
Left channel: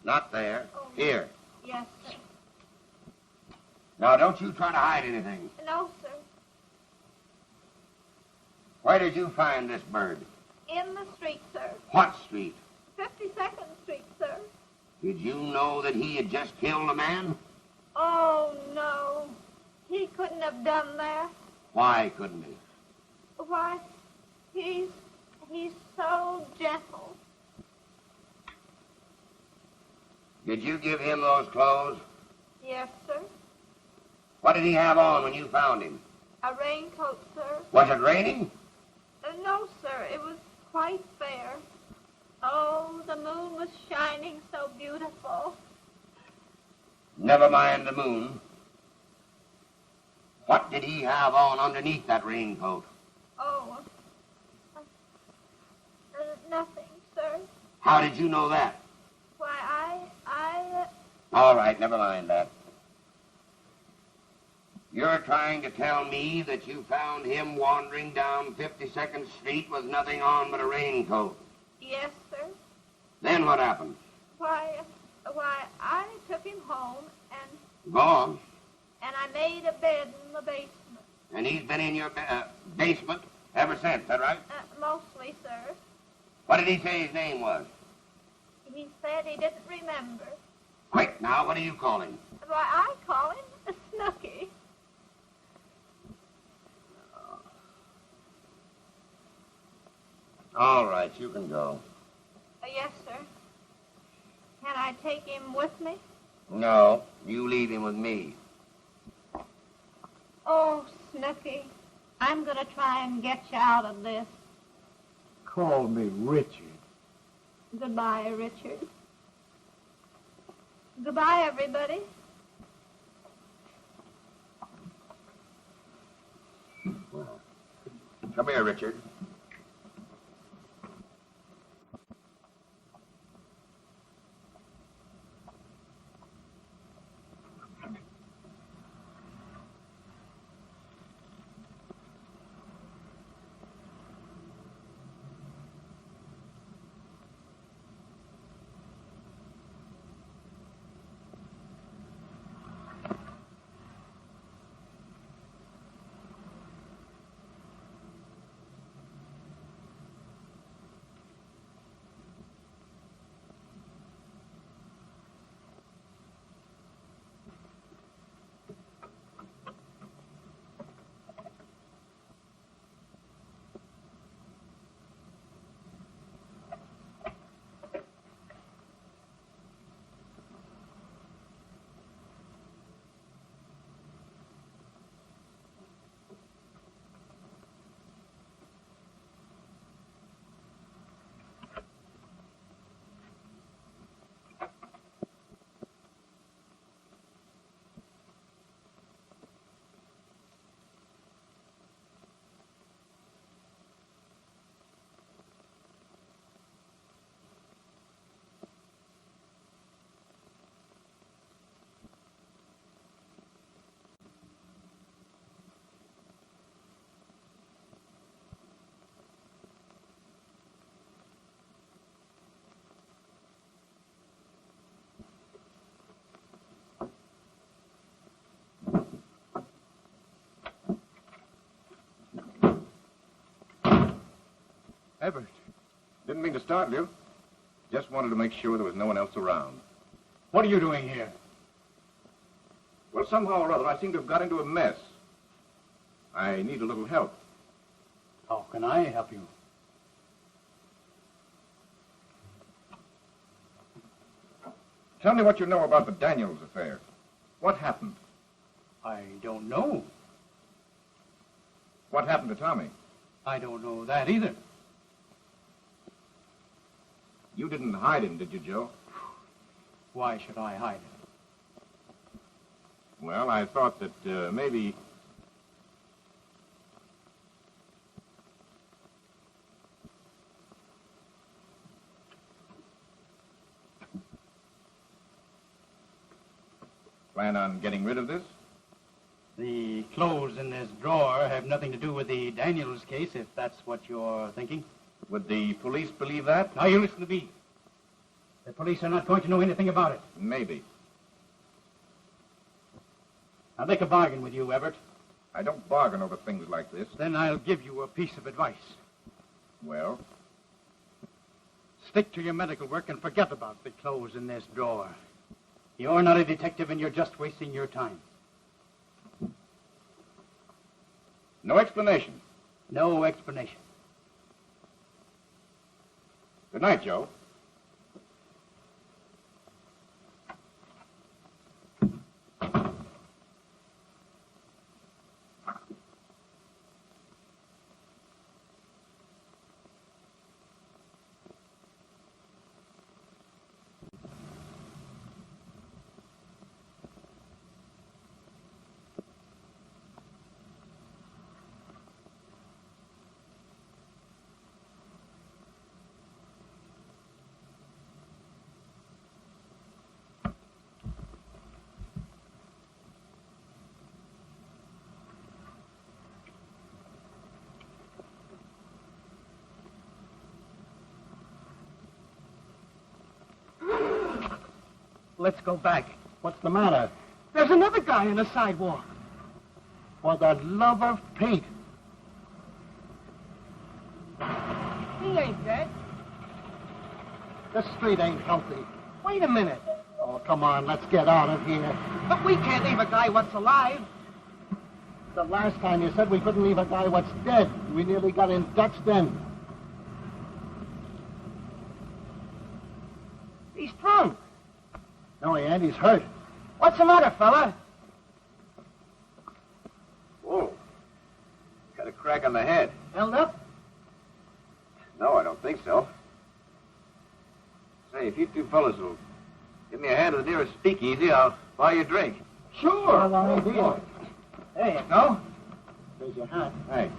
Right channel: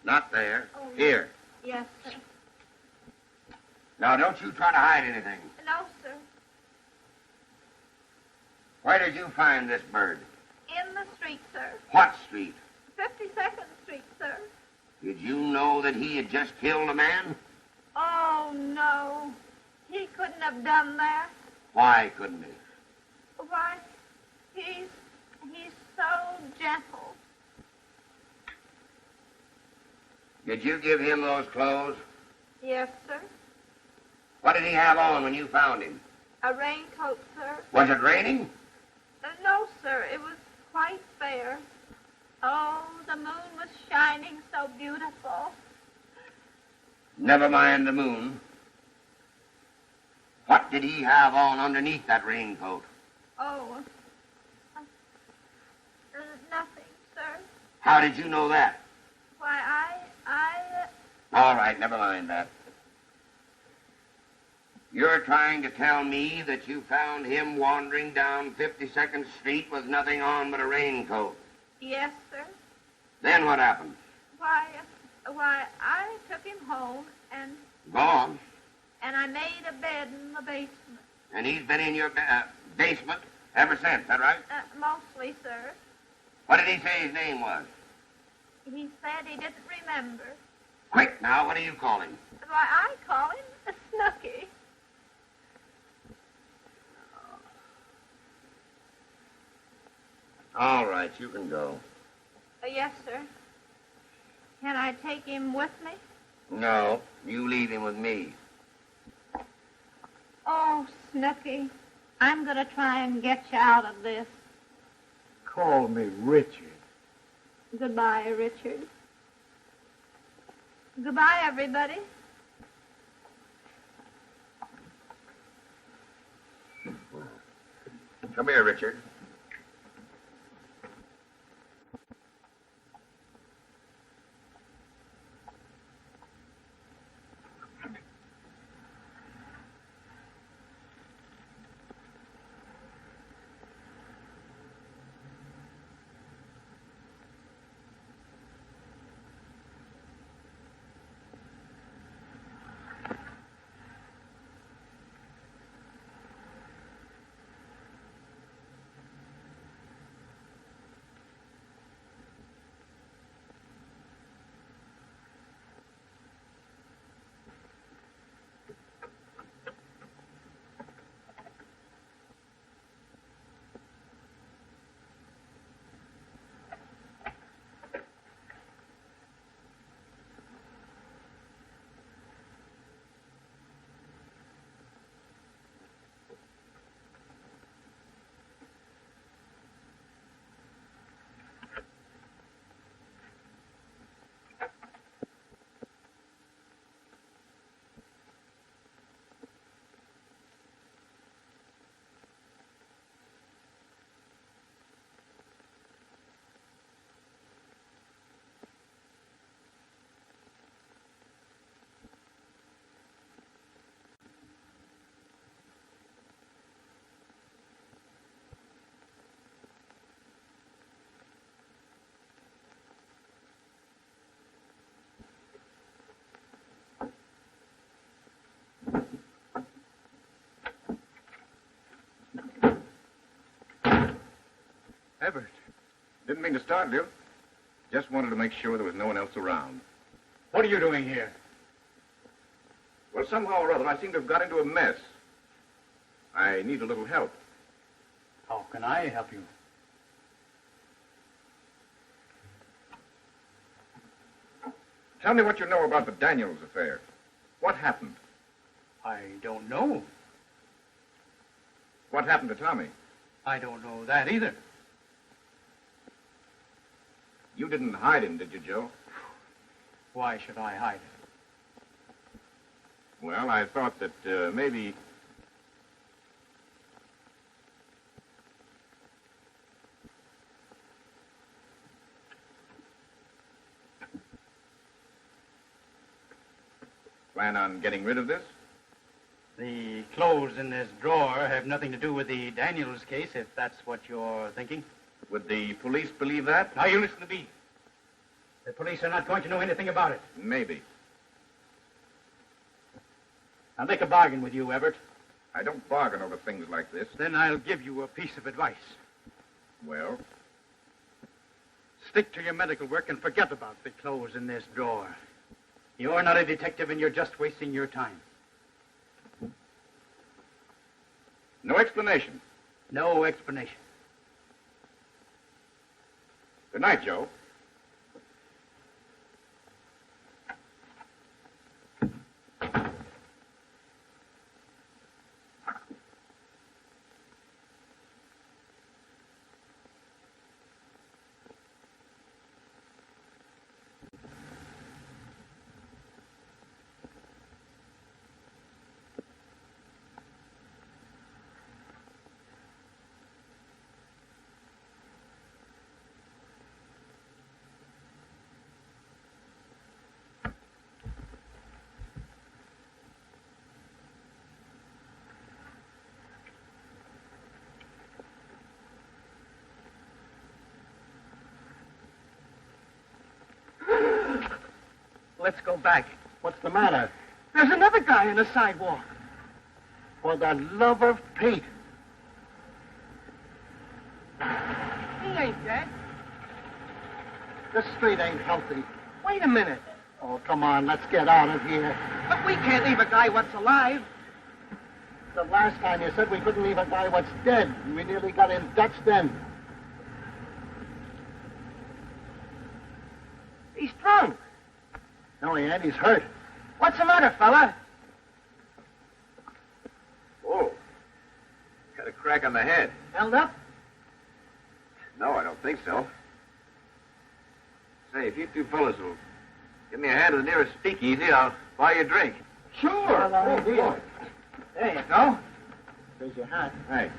Not there. Oh. Here. Yes, sir. Now, don't you try to hide anything. No, sir. Where did you find this bird? In the street, sir. What street? 52nd Street, sir. Did you know that he had just killed a man? Oh, no. He couldn't have done that. Why couldn't he? Why, he's so gentle. Did you give him those clothes? Yes, sir. What did he have on when you found him? A raincoat, sir. Was it raining? No, sir. It was quite fair. Oh, the moon was shining so beautiful. Never mind the moon. What did he have on underneath that raincoat? Oh, nothing, sir. How did you know that? Why, All right, never mind that. You're trying to tell me that you found him wandering down 52nd Street with nothing on but a raincoat. Yes, sir. Then what happened? Why, I took him home and Go on. I made a bed in the basement. And he's been in your basement ever since, that right? Mostly, sir. What did he say his name was? He said he didn't remember. Quick, now, what do you call him? Why, I call him a Snooky. All right, you can go. Yes, sir. Can I take him with me? No, you leave him with me. Oh, Snooky, I'm going to try and get you out of this. Call me Richard. Goodbye, Richard. Goodbye, everybody. Come here, Richard. Everett. Didn't mean to startle you. Just wanted to make sure there was no one else around. What are you doing here? Well, somehow or other, I seem to have got into a mess. I need a little help. How can I help you? Tell me what you know about the Daniels affair. What happened? I don't know. What happened to Tommy? I don't know that either. You didn't hide him, did you, Joe? Why should I hide it? Well, I thought that maybe... Plan on getting rid of this? The clothes in this drawer have nothing to do with the Daniels case, if that's what you're thinking. Would the police believe that? Now, you listen to me. The police are not going to know anything about it. Maybe. I'll make a bargain with you, Everett. I don't bargain over things like this. Then I'll give you a piece of advice. Well? Stick to your medical work and forget about the clothes in this drawer. You're not a detective and you're just wasting your time. No explanation. No explanation. Good night, Joe. Let's go back. What's the matter? There's another guy on the sidewalk. For the love of Pete. He ain't dead. This street ain't healthy. Wait a minute. Oh, come on, let's get out of here. But we can't leave a guy what's alive. The last time you said we couldn't leave a guy what's dead. We nearly got in Dutch then. He's drunk. No, he ain't. He's hurt. What's the matter, fella? Oh, got a crack on the head. Held up? No, I don't think so. Say, if you two fellas will give me a hand to the nearest speakeasy, I'll buy you a drink. Sure. There you go. Here's your hat. Thanks.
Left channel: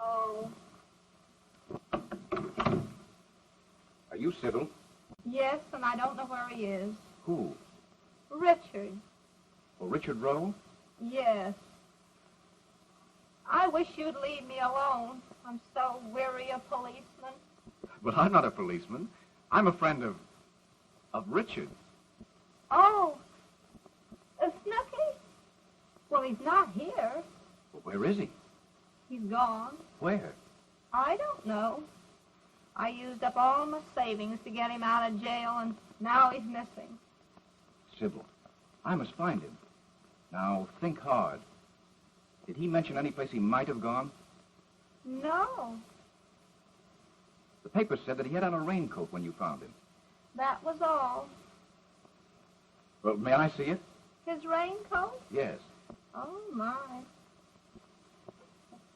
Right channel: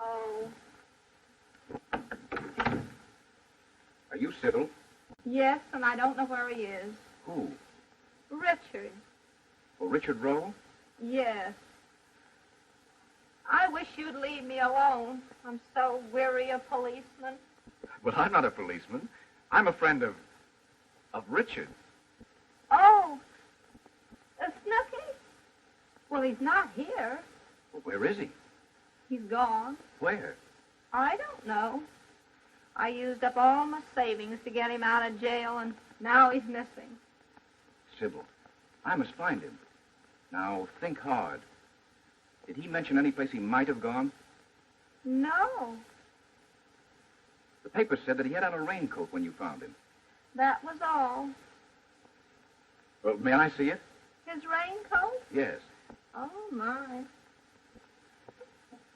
Oh, Are you Sybil? yes, and I don't know where he is. Who? Richard. Oh, Richard Rowe? Yes. I wish you'd leave me alone. I'm so weary of policemen. Well, I'm not a policeman. I'm a friend of Richard. Oh, Snooky? Well, he's not here. Well, where is he? He's gone. Where? I don't know. I used up all my savings to get him out of jail, and now he's missing. Sybil, I must find him. Now, think hard. Did he mention any place he might have gone? No, The paper said that he had on a raincoat when you found him. that was all. Well, may I see it? His raincoat? Yes. Oh, my.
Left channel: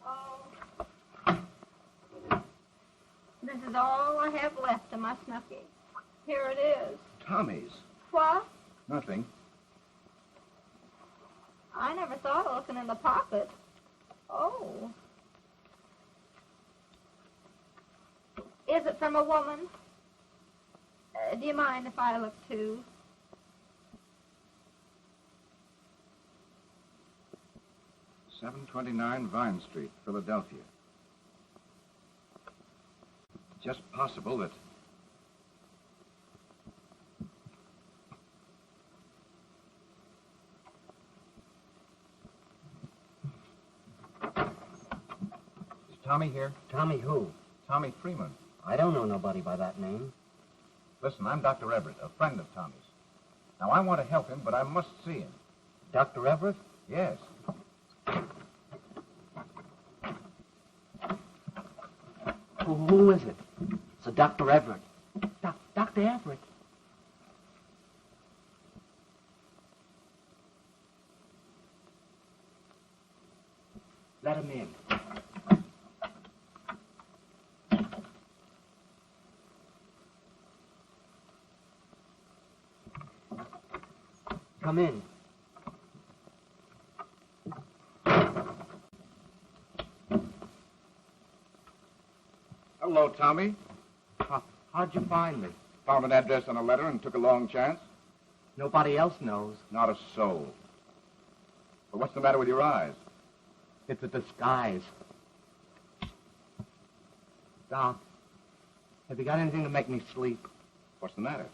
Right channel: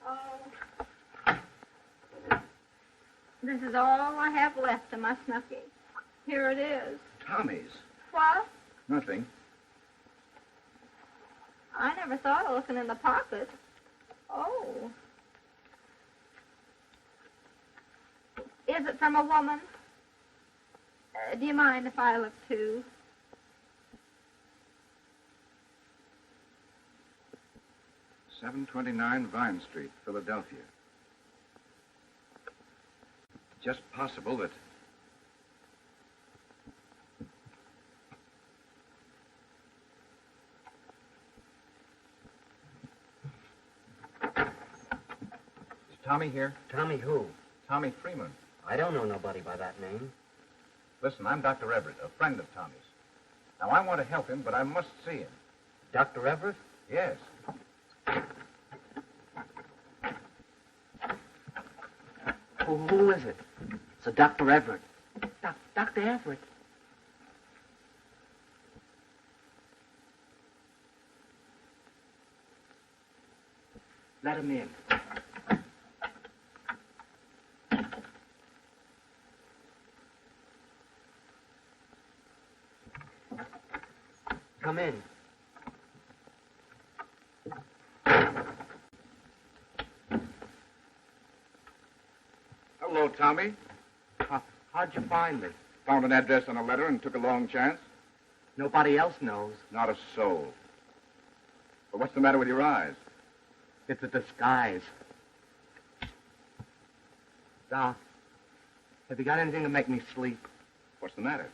Oh. This is all I have left of my Snooky. Here it is. Tommy's. What? Nothing. I never thought of looking in the pocket. Oh. Is it from a woman? Do you mind if I look, too? $729 Vine Street, Philadelphia. Just possible that... Is Tommy here? Tommy who? Tommy Freeman. I don't know nobody by that name. Listen, I'm Dr. Everett, a friend of Tommy's. Now, I want to help him, but I must see him. Dr. Everett? Yes. Who is it? It's a Dr. Everett. Dr. Everett. Let him in. Come in. Hello, Tommy. How'd you find me? Found an address on a letter and took a long chance? Nobody else knows. Not a soul. But what's the matter with your eyes? It's a disguise. Doc, have you got anything to make me sleep? What's the matter?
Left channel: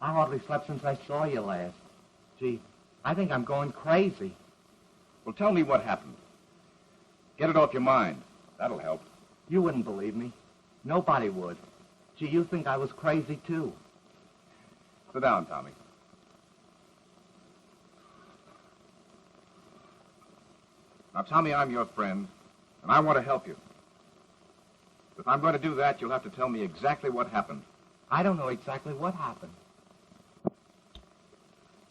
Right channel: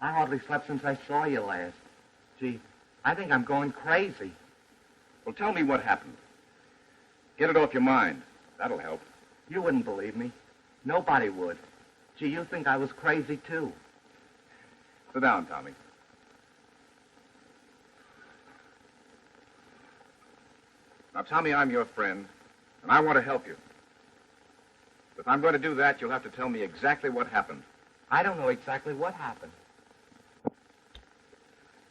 I hardly slept since I saw you last. Gee, I think I'm going crazy. Well, tell me what happened. Get it off your mind. That'll help. You wouldn't believe me. Nobody would. Gee, you think I was crazy, too. Sit down, Tommy. Now, Tommy, I'm your friend, and I want to help you. If I'm going to do that, you'll have to tell me exactly what happened. I don't know exactly what happened.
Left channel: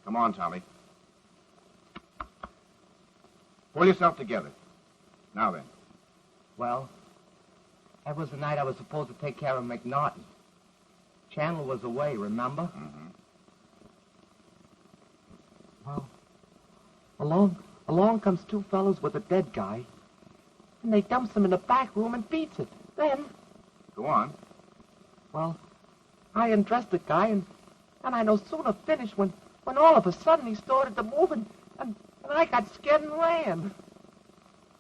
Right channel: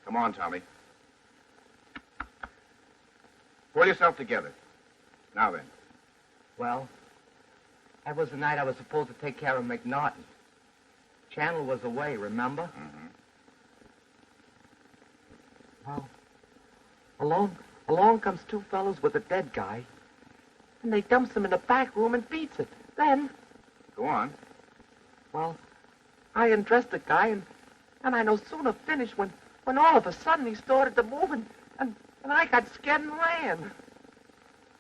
Come on, Tommy. Pull yourself together. Now then. Well, that was the night I was supposed to take care of McNaughton. Chandler was away, remember? Mm-hmm. Well, along comes two fellows with a dead guy, and they dumps him in the back room and beats it. Then, Go on. well, I undressed the guy, and I no sooner finished when all of a sudden he started to move, and I got scared and ran.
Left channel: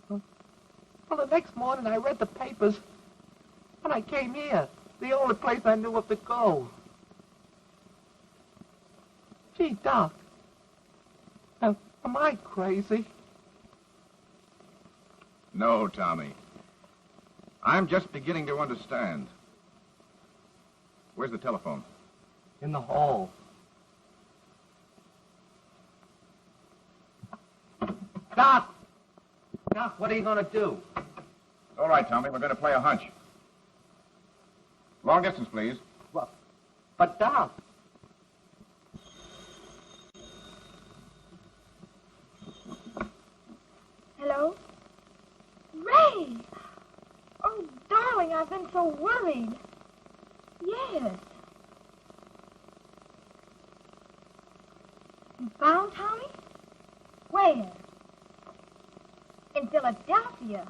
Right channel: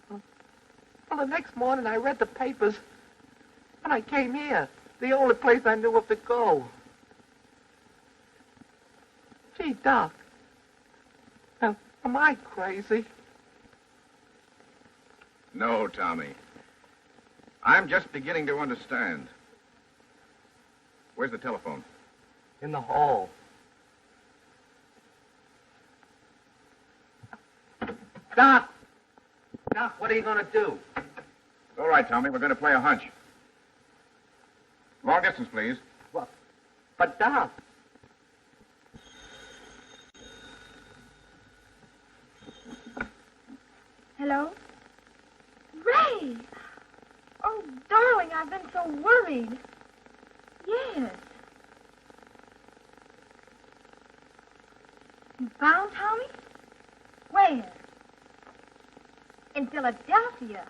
Well, the next morning I read the papers, and I came here, the only place I knew of to go. Gee, Doc, Am I crazy? No, Tommy. I'm just beginning to understand. Where's the telephone? In the hall. Doc! Doc, what are you gonna do? It's all right, Tommy. We're going to play a hunch. Long distance, please. But Doc... Hello? Ray! Oh, darling, I've been so worried. Yes. You found Tommy? Where? In Philadelphia.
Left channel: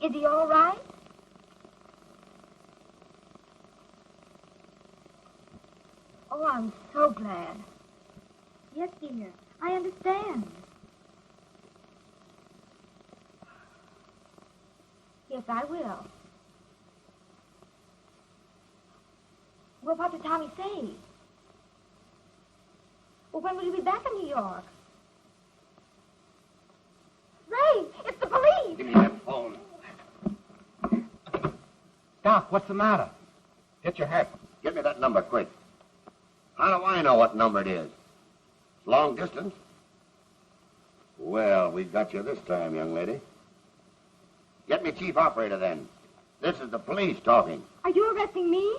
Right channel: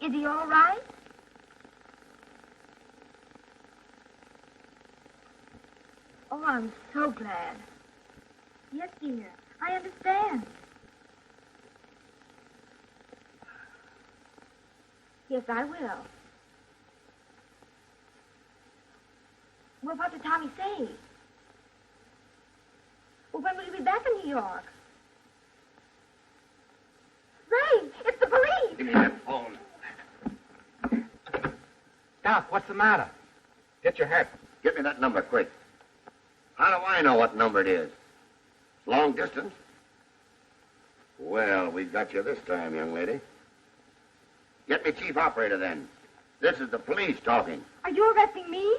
Is he all right? Oh, I'm so glad. Yes, dear. I understand. Yes, I will. Well, what did Tommy say? Well, when will you be back in New York? Ray, it's the police! Give me that phone. Doc, what's the matter? Get your hat. Get me that number, quick. How do I know what number it is? It's long distance. Well, we've got you this time, young lady. Get me chief operator, then. This is the police talking. Are you arresting me?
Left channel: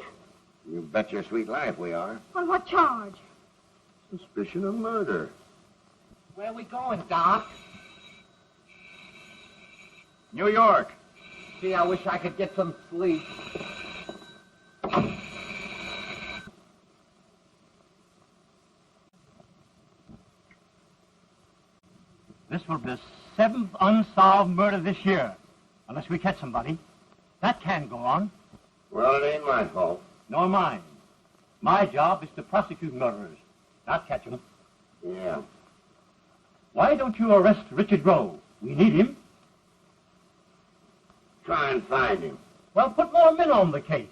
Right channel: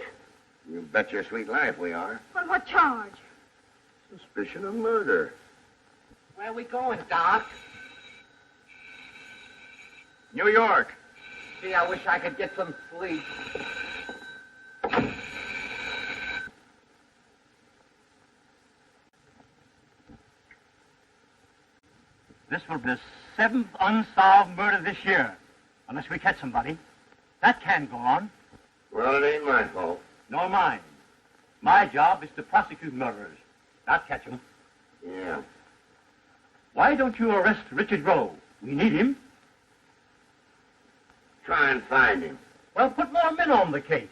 You bet your sweet life we are. On what charge? Suspicion of murder. Where are we going, Doc? New York. Gee, I wish I could get some sleep. This will be the 7th unsolved murder this year, unless we catch somebody. That can go on. Well, it ain't my fault. Nor mine. My job is to prosecute murderers, not catch them. Yeah. Why don't you arrest Richard Rowe? We need him. Try and find him. Well, put more men on the case.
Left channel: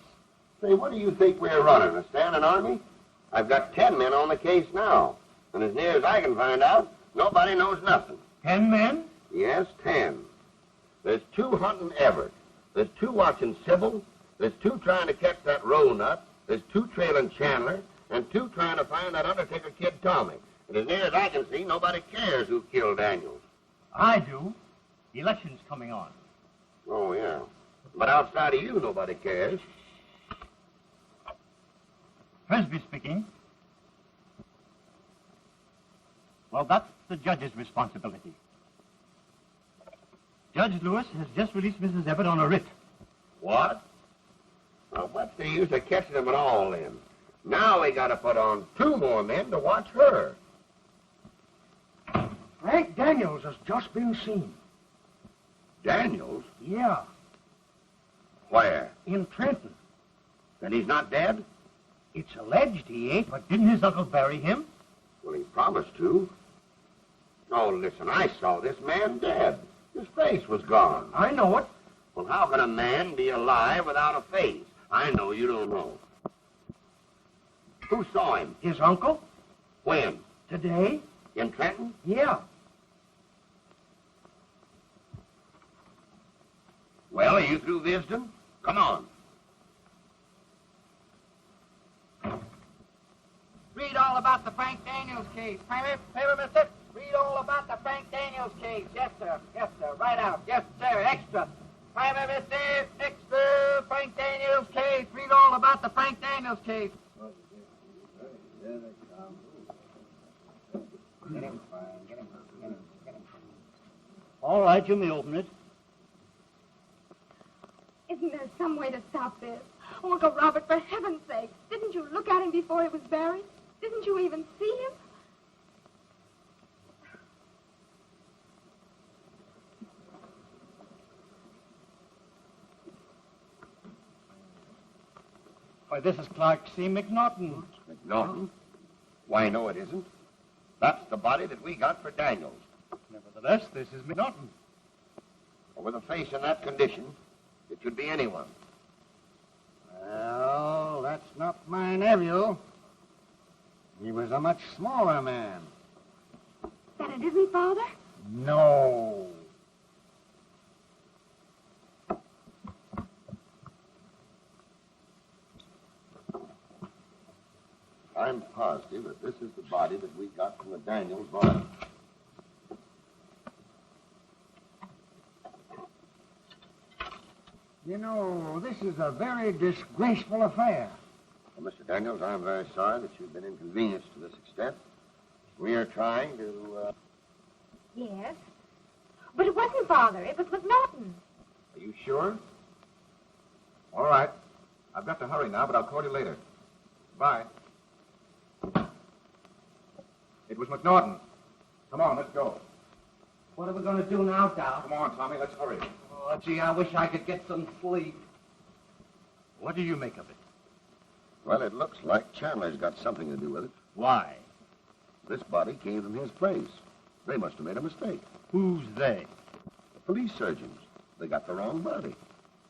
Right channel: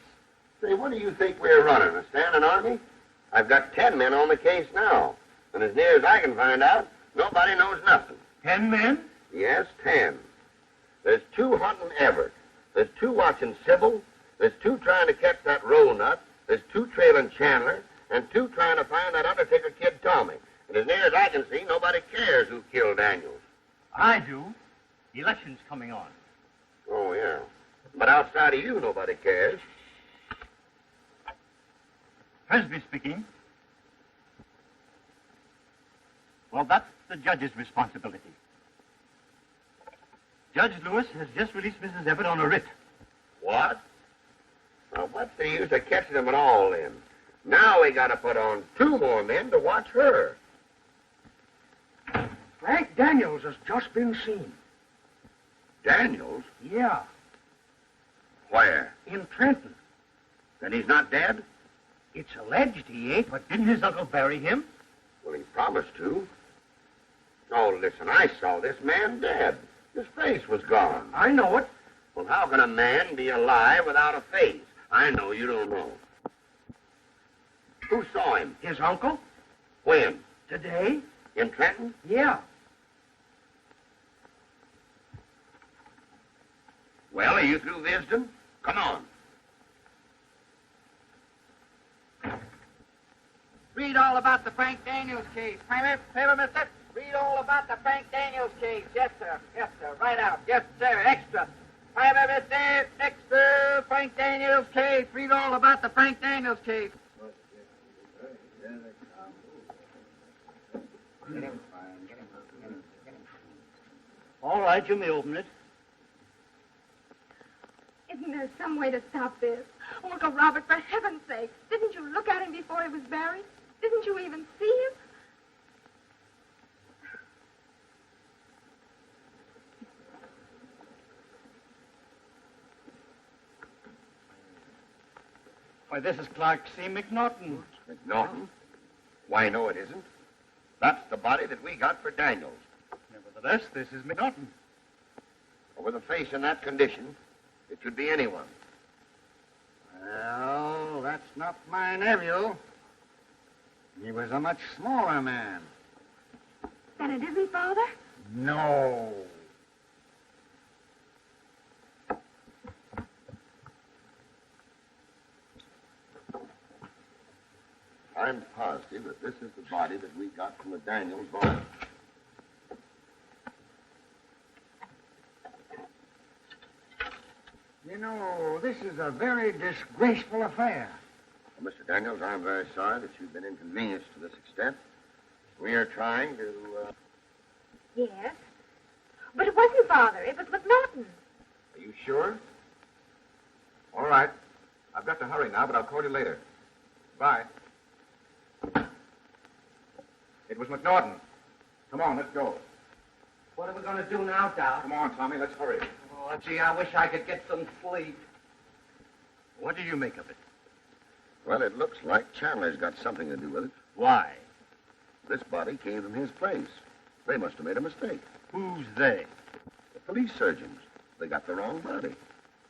Say, what do you think we're running, a standing army? I've got 10 men on the case now. And as near as I can find out, nobody knows nothing. 10 men? Yes, 10. There's 2 hunting Everett. There's 2 watching Sybil. There's 2 trying to catch that roll nut. There's 2 trailing Chandler. And 2 trying to find that Undertaker kid Tommy. And as near as I can see, nobody cares who killed Daniels. I do. The election's coming on. Oh, yeah. But outside of you, nobody cares. Presby speaking. Well, that's the judge's responsibility. Judge Lewis has just released Mrs. Everett on a writ. What? Now, what's the use of catching them at all, then? Now we got to put on 2 more men to watch her. Frank Daniels has just been seen. Daniels? Yeah, Where? in Trenton. Then he's not dead? It's alleged he ain't, but But didn't his uncle bury him? Well, he promised to. Oh, listen, I saw this man dead. His face was gone. I know it. Well, how can a man be alive without a face? I know you don't know. Who saw him? His uncle? When? Today? In Trenton? Yeah. Well, are you through visiting? Come on. Read all about the Frank Daniels case. Paper, mister? Read all about the Frank Daniels case. Yes, sir. Yes, sir. Right out. Yes, sir. Extra. Paper, mister? Extra. Frank Daniels case. Read all about the Frank Daniels case. All right, you may open it. Isn't there some way to stop this? Oh, Uncle Robert, for heaven's sake, didn't you look at him before he was buried? Didn't you even see him? Why, this is Clark C. McNaughton. McNaughton? Why, no, it isn't. That's the body that we got for Daniels. Nevertheless, this is McNaughton. With a face in that condition, it should be anyone. Well, that's not my nephew. He was a much smaller man. done it, isn't he, Father? No. I'm positive that this is the body that we got from the Daniels vault. You know, this is a very disgraceful affair. Well, Mr. Daniels, I'm very sorry that you've been inconvenienced to this extent. We are trying to, Yes. But it wasn't Father. It was McNaughton. Are you sure? All right. I've got to hurry now, but I'll call you later. Bye. It was McNaughton. Come on, let's go. What are we going to do now, Doc? Come on, Tommy, let's hurry. Oh, gee, I wish I could get some sleep. What do you make of it? well, it looks like Chandler's got something to do with it. Why? This body came from his place. They must have made a mistake. Who's they? The police surgeons. They got the wrong body.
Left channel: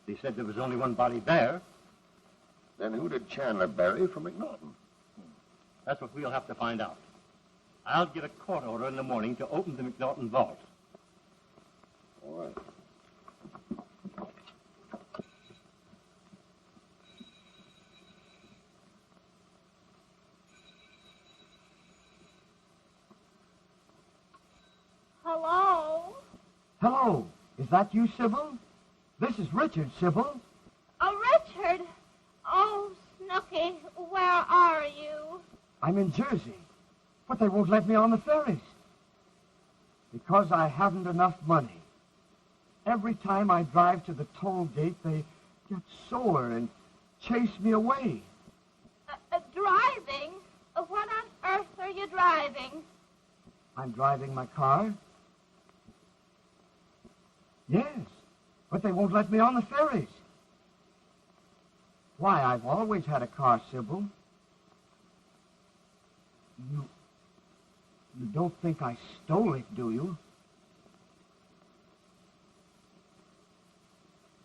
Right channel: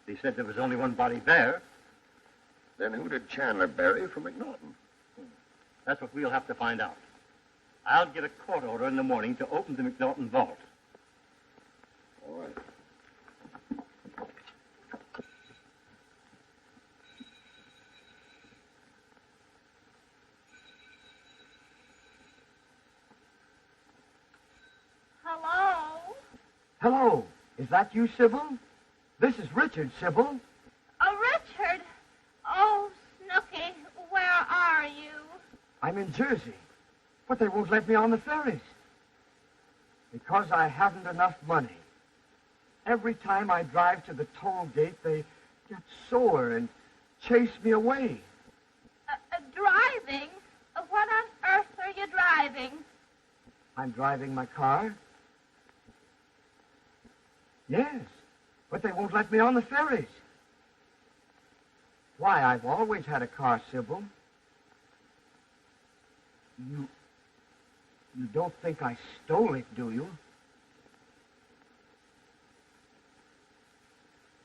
They said there was only one body there. Then who did Chandler bury from McNaughton? That's what we'll have to find out. I'll get a court order in the morning to open the McNaughton vault. All right. Hello? Hello. Is that you, Sybil? This is Richard, Sybil. Oh, Richard. Oh, Snooky, where are you? I'm in Jersey, but they won't let me on the ferries. Because I haven't enough money. Every time I drive to the toll gate, they get sore and chase me away. Driving? What on earth are you driving? I'm driving my car. Yes, but they won't let me on the ferries. Why, I've always had a car, Sybil. You don't think I stole it, do you?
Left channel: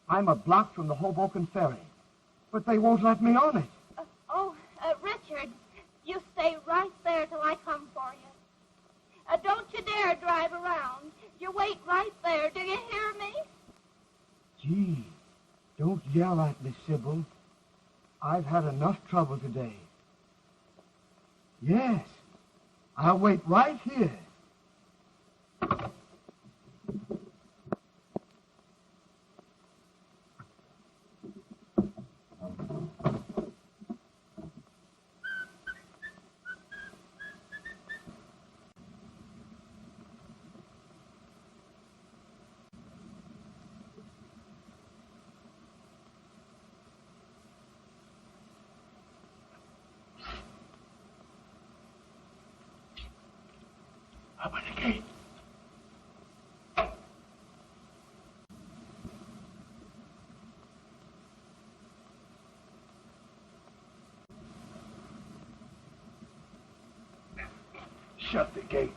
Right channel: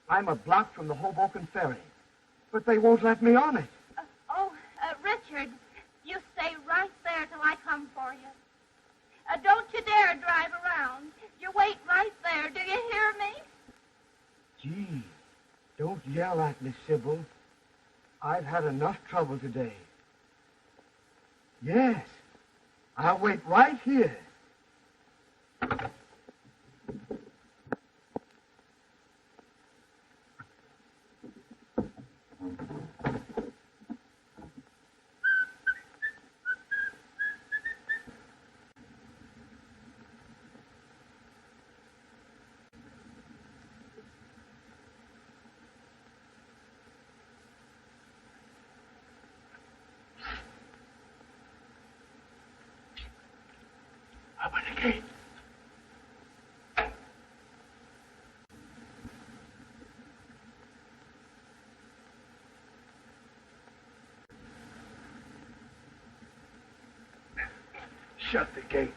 I'm a block from the Hoboken ferry, but they won't let me on it. Richard, you stay right there till I come for you. Don't you dare drive around. You wait right there. Do you hear me? Gee, don't yell at me, Sybil. I've had enough trouble today. Yes, I'll wait right here. Open the gate. Shut the gate.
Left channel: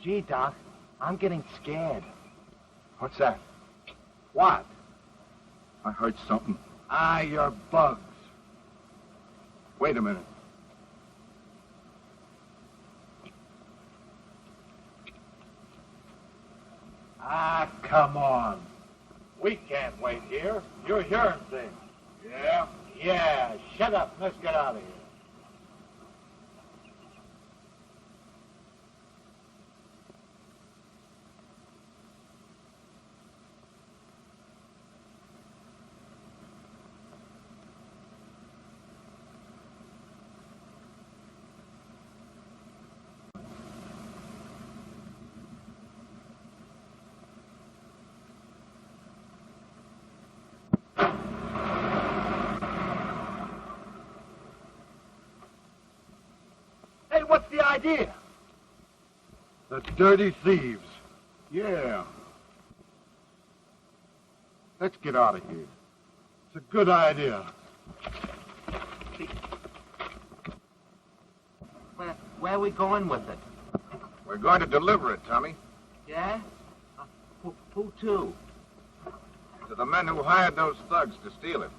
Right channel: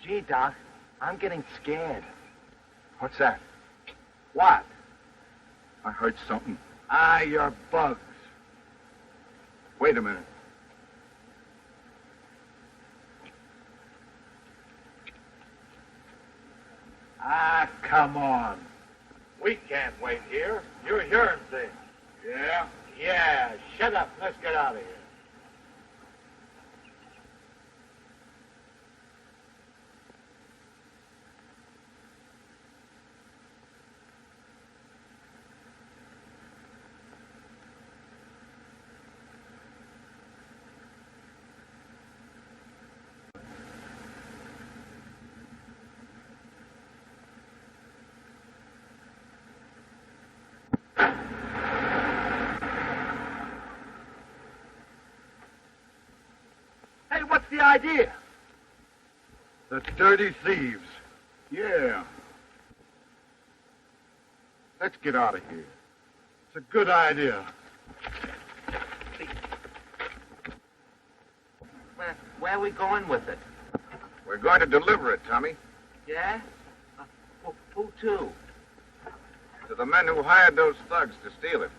Gee, Doc, I'm getting scared. What's that? What? I heard something. Your bugs. Wait a minute. Come on. We can't wait here. You're hearing things. Yeah? Yeah, shut up. Let's get out of here. Hey, what's the idea? The dirty thieves. Yeah. Let's get out of here. It's a good idea. Where are we going with it? We're going to deliver it, Tommy. Yeah? Who to? To the men who hired those thugs to steal it.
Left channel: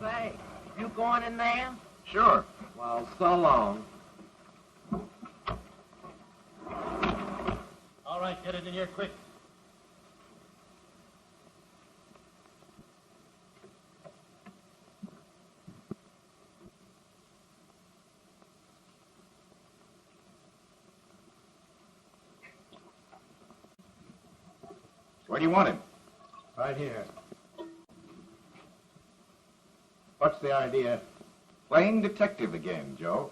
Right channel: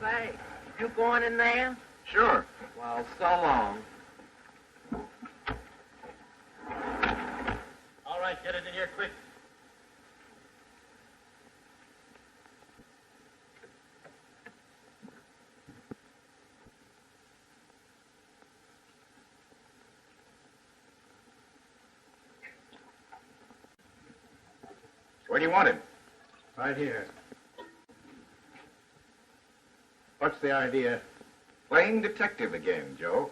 Say, you going in there? Sure. Well, so long. All right, get it in here quick. Where do you want him? Right here. What's the idea? Playing detective again, Joe.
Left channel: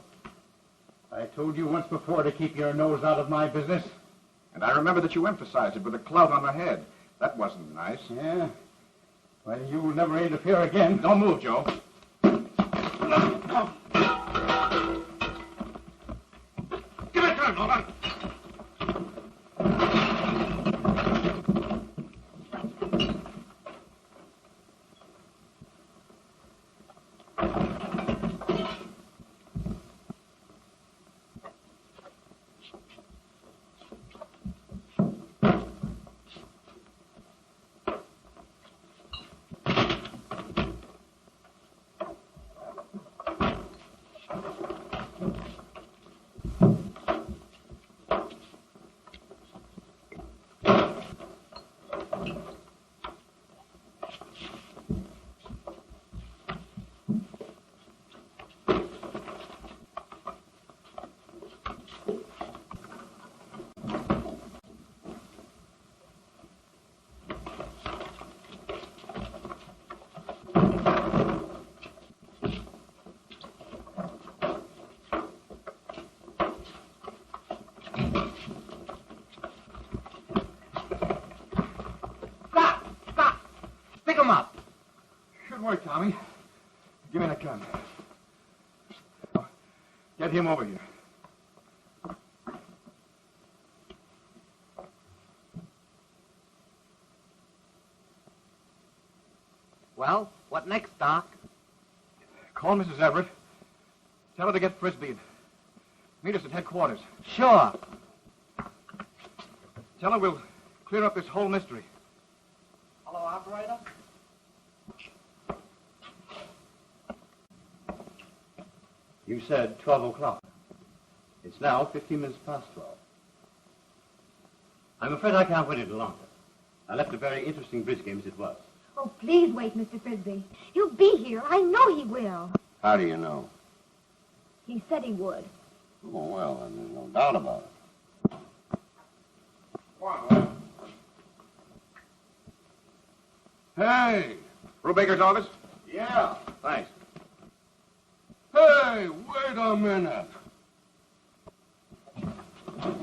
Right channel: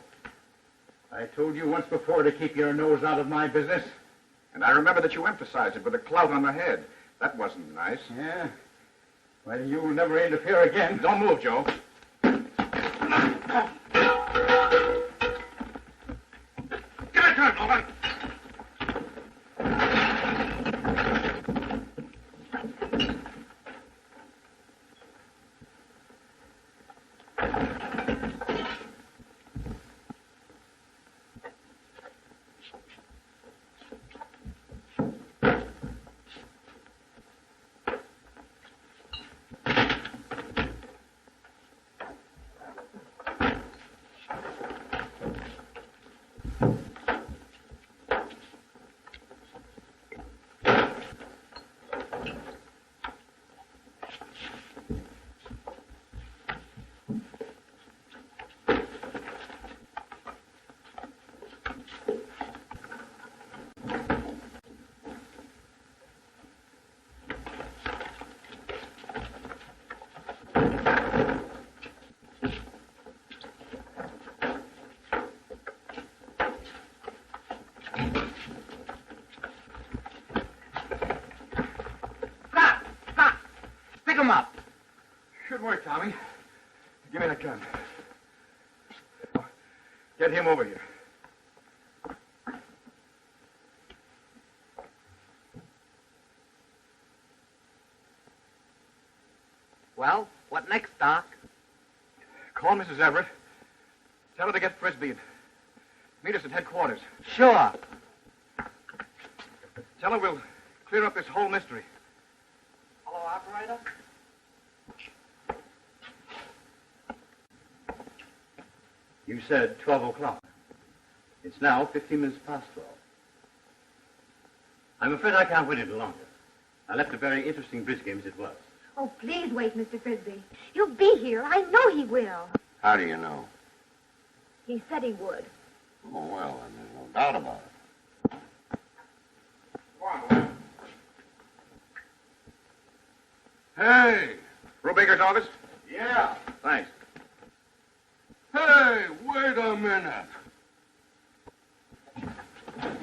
I told you once before to keep your nose out of my business. And I remember that you emphasized it with a clout on the head. That wasn't nice. Yeah? Well, you'll never interfere again. Don't move, Joe. Give it to him, Norman. Pick him up. Good work, Tommy. Give me that gun. Oh, get him over here. Well, what next, Doc? Call Mrs. Everett. Tell her to get Frisbee and meet us at headquarters. Sure. Tell her we'll clear up this whole mystery. Hello, operator? You said 12 o'clock. It's now 15 minutes past 12. I'm afraid I can't wait any longer. I left a very interesting bridge game as it was. Oh, please wait, Mr. Frisbee. He'll be here. I know he will. How do you know? He said he would. Oh, well, there's no doubt about it. Go on, boy. Hey! Brubaker's office? Yeah. Thanks. Hey, wait a minute.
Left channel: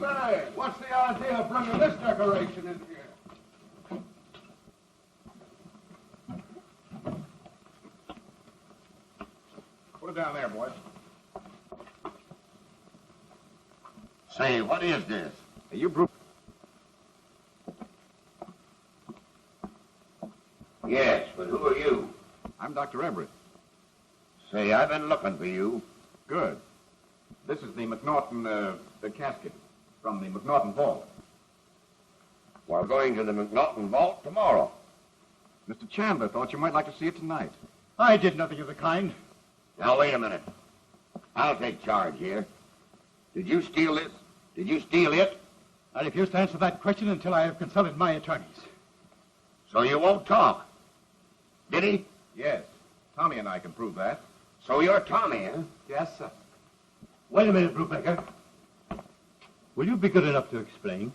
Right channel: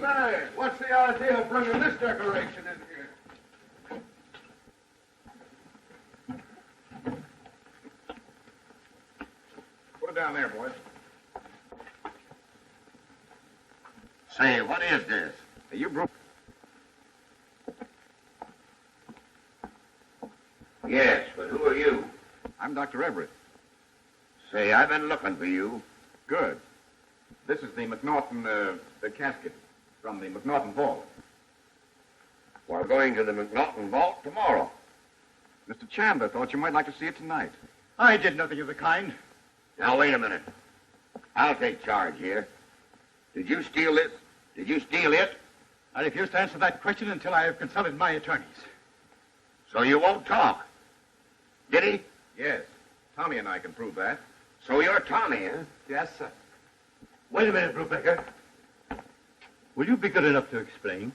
Say, what's the idea of bringing this decoration in here? Put it down there, boys. Say, what is this? Hey, you Bru... Yes, but who are you? I'm Dr. Everett. Say, I've been looking for you. Good. This is the McNaughton, the casket from the McNaughton vault. We're going to the McNaughton vault tomorrow. Mr. Chandler thought you might like to see it tonight. I did nothing of the kind. Now, wait a minute. I'll take charge here. Did you steal this? Did you steal it? I refuse to answer that question until I have consulted my attorneys. So you won't talk. Did he? Yes. Tommy and I can prove that. So you're Tommy, huh? Yes, sir. Wait a minute, Brubaker. Will you be good enough to explain?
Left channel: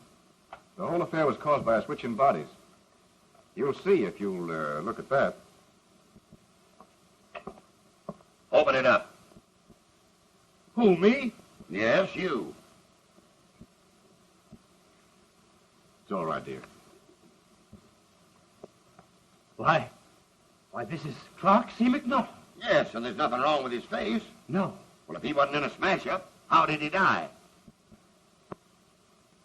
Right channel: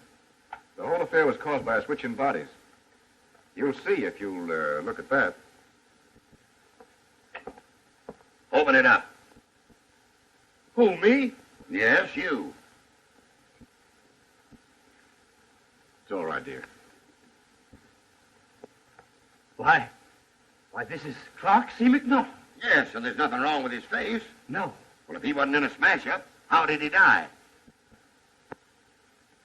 The whole affair was caused by a switch in bodies. You'll see if you'll look at that. Open it up. Who, me? Yes, you. It's all right, dear. Why, this is Clark C. McNaughton. Yes, and there's nothing wrong with his face. No. Well, if he wasn't in a smash-up, how did he die?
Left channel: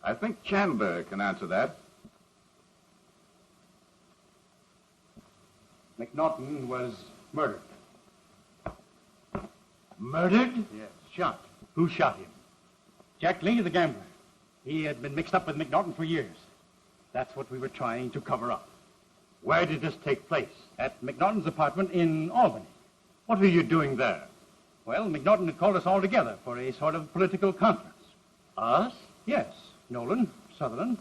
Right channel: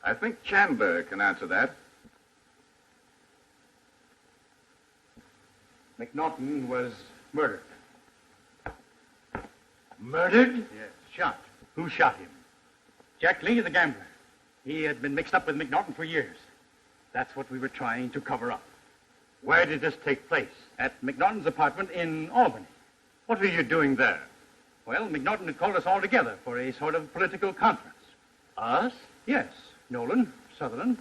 I think Chandler can answer that. McNaughton was murdered. Murdered? Yes, shot. Who shot him? Jack Lee, the gambler. He had been mixed up with McNaughton for years. That's what we were trying to cover up. Where did this take place? At McNaughton's apartment in Albany. What were you doing there? Well, McNaughton had called us all together for a sort of political conference. Us? Yes, Nolan, Sutherland,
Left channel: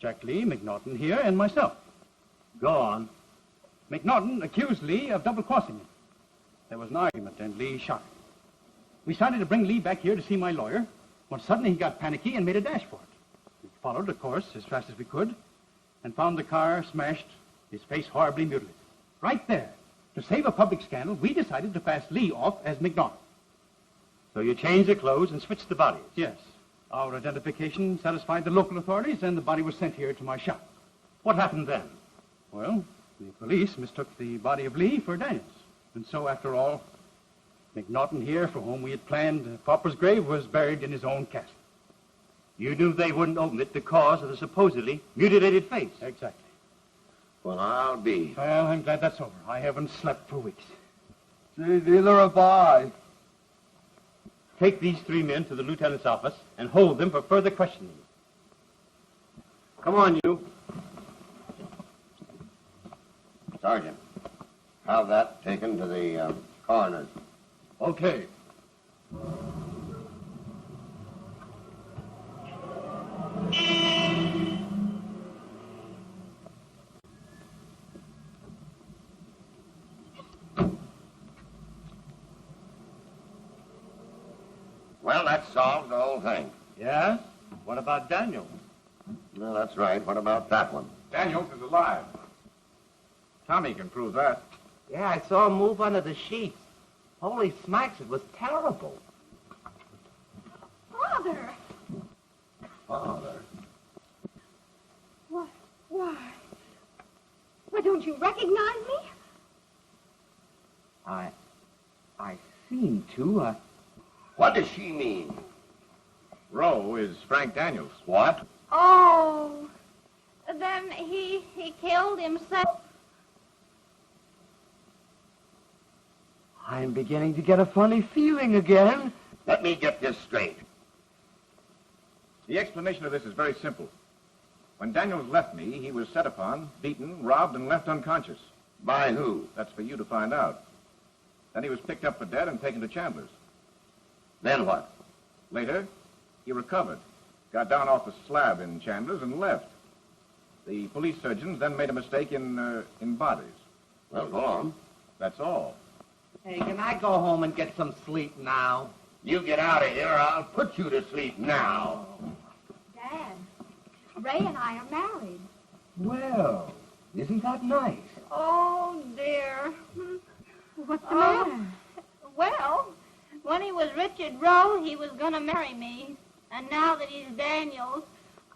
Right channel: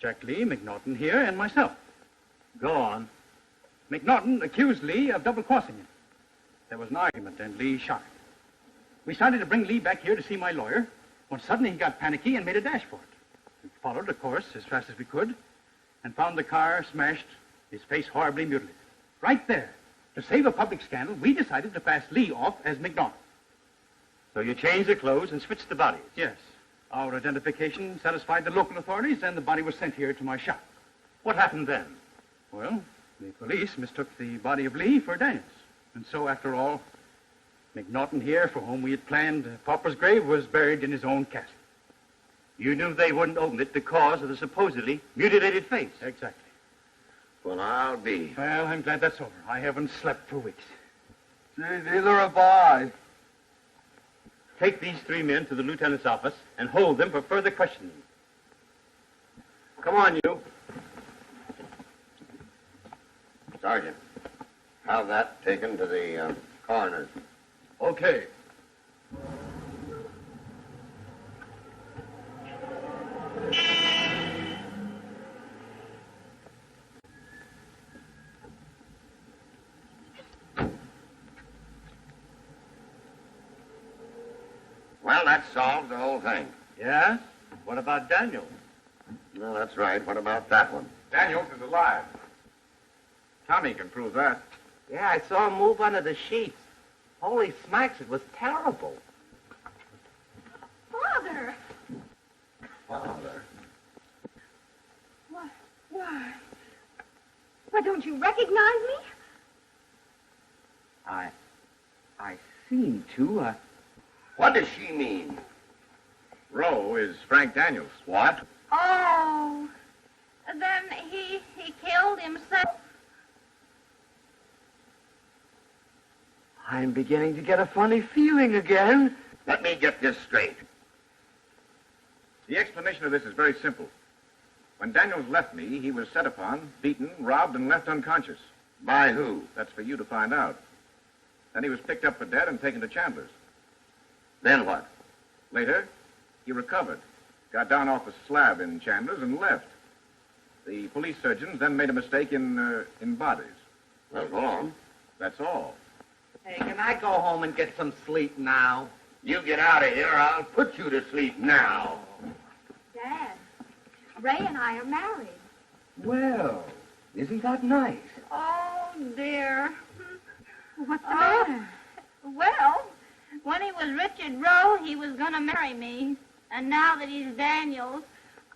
Jack Lee, McNaughton here, and myself. Go on. McNaughton accused Lee of double-crossing him. There was an argument, and Lee shot him. We started to bring Lee back here to see my lawyer, when suddenly he got panicky and made a dash for it. We followed, of course, as fast as we could, and found the car smashed, his face horribly mutilated. Right there. To save a public scandal, we decided to pass Lee off as McNaughton. So you changed the clothes and switched the bodies? Yes. Our identification satisfied the local authorities, and the body was sent here to my shop. What happened then? Well, the police mistook the body of Lee for Daniels. And so, after all, McNaughton here, for whom we had planned a pauper's grave, was buried in his own castle. You knew they wouldn't open it because of the supposedly mutilated face. Exactly. Well, I'll be. Well, I'm glad that's over. I haven't slept for weeks. Gee, neither have I. Take these 3 men to the lieutenant's office and hold them for further questioning. Come on, you. Sergeant, have that taken to the coroner's. Okay. Well, that solves the whole thing. Yes? What about Daniel? Well, that's right. What about that one? Daniels is alive. Tommy can prove that. Yeah, I saw him move under the sheets. Holy smacks, it was terrible. Father! Father. Why? Why, don't you recognize me? I seem to, What does she mean? Roe is Frank Daniels. What? Oh, then he killed himself. I'm beginning to get a funny feeling again. Let me get this straight. The explanation of this is very simple. When Daniels left me, he was set upon, beaten, robbed, and left unconscious. By who? That's for you to find out. Then he was picked up for dead and taken to Chandler's. Then what? Later, he recovered, got down off a slab in Chandler's, and left. The police surgeons then made a mistake in bodies. Well, go on. That's all. Hey, can I go home and get some sleep now? You get out of here, I'll put you to sleep now. Dad, Ray and I are married. Well, isn't that nice? Oh, dear. What's the matter? Well, when he was Richard Rowe, he was going to marry me. And now that he's Daniels,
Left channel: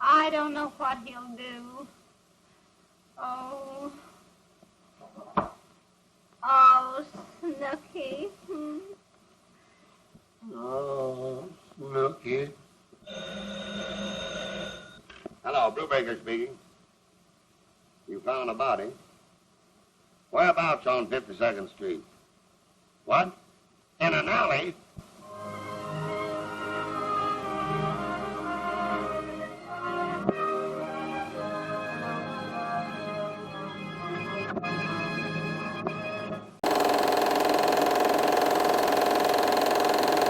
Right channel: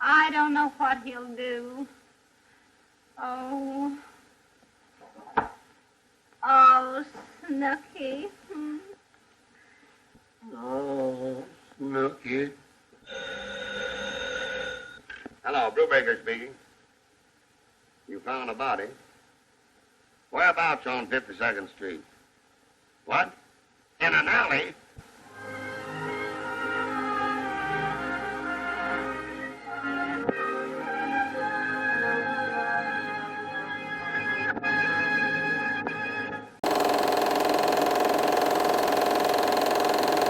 I don't know what he'll do. Oh. Oh, Snooky. Oh, Snooky. Hello, Brubaker speaking. You found a body? Whereabouts on 52nd Street? What? In an alley?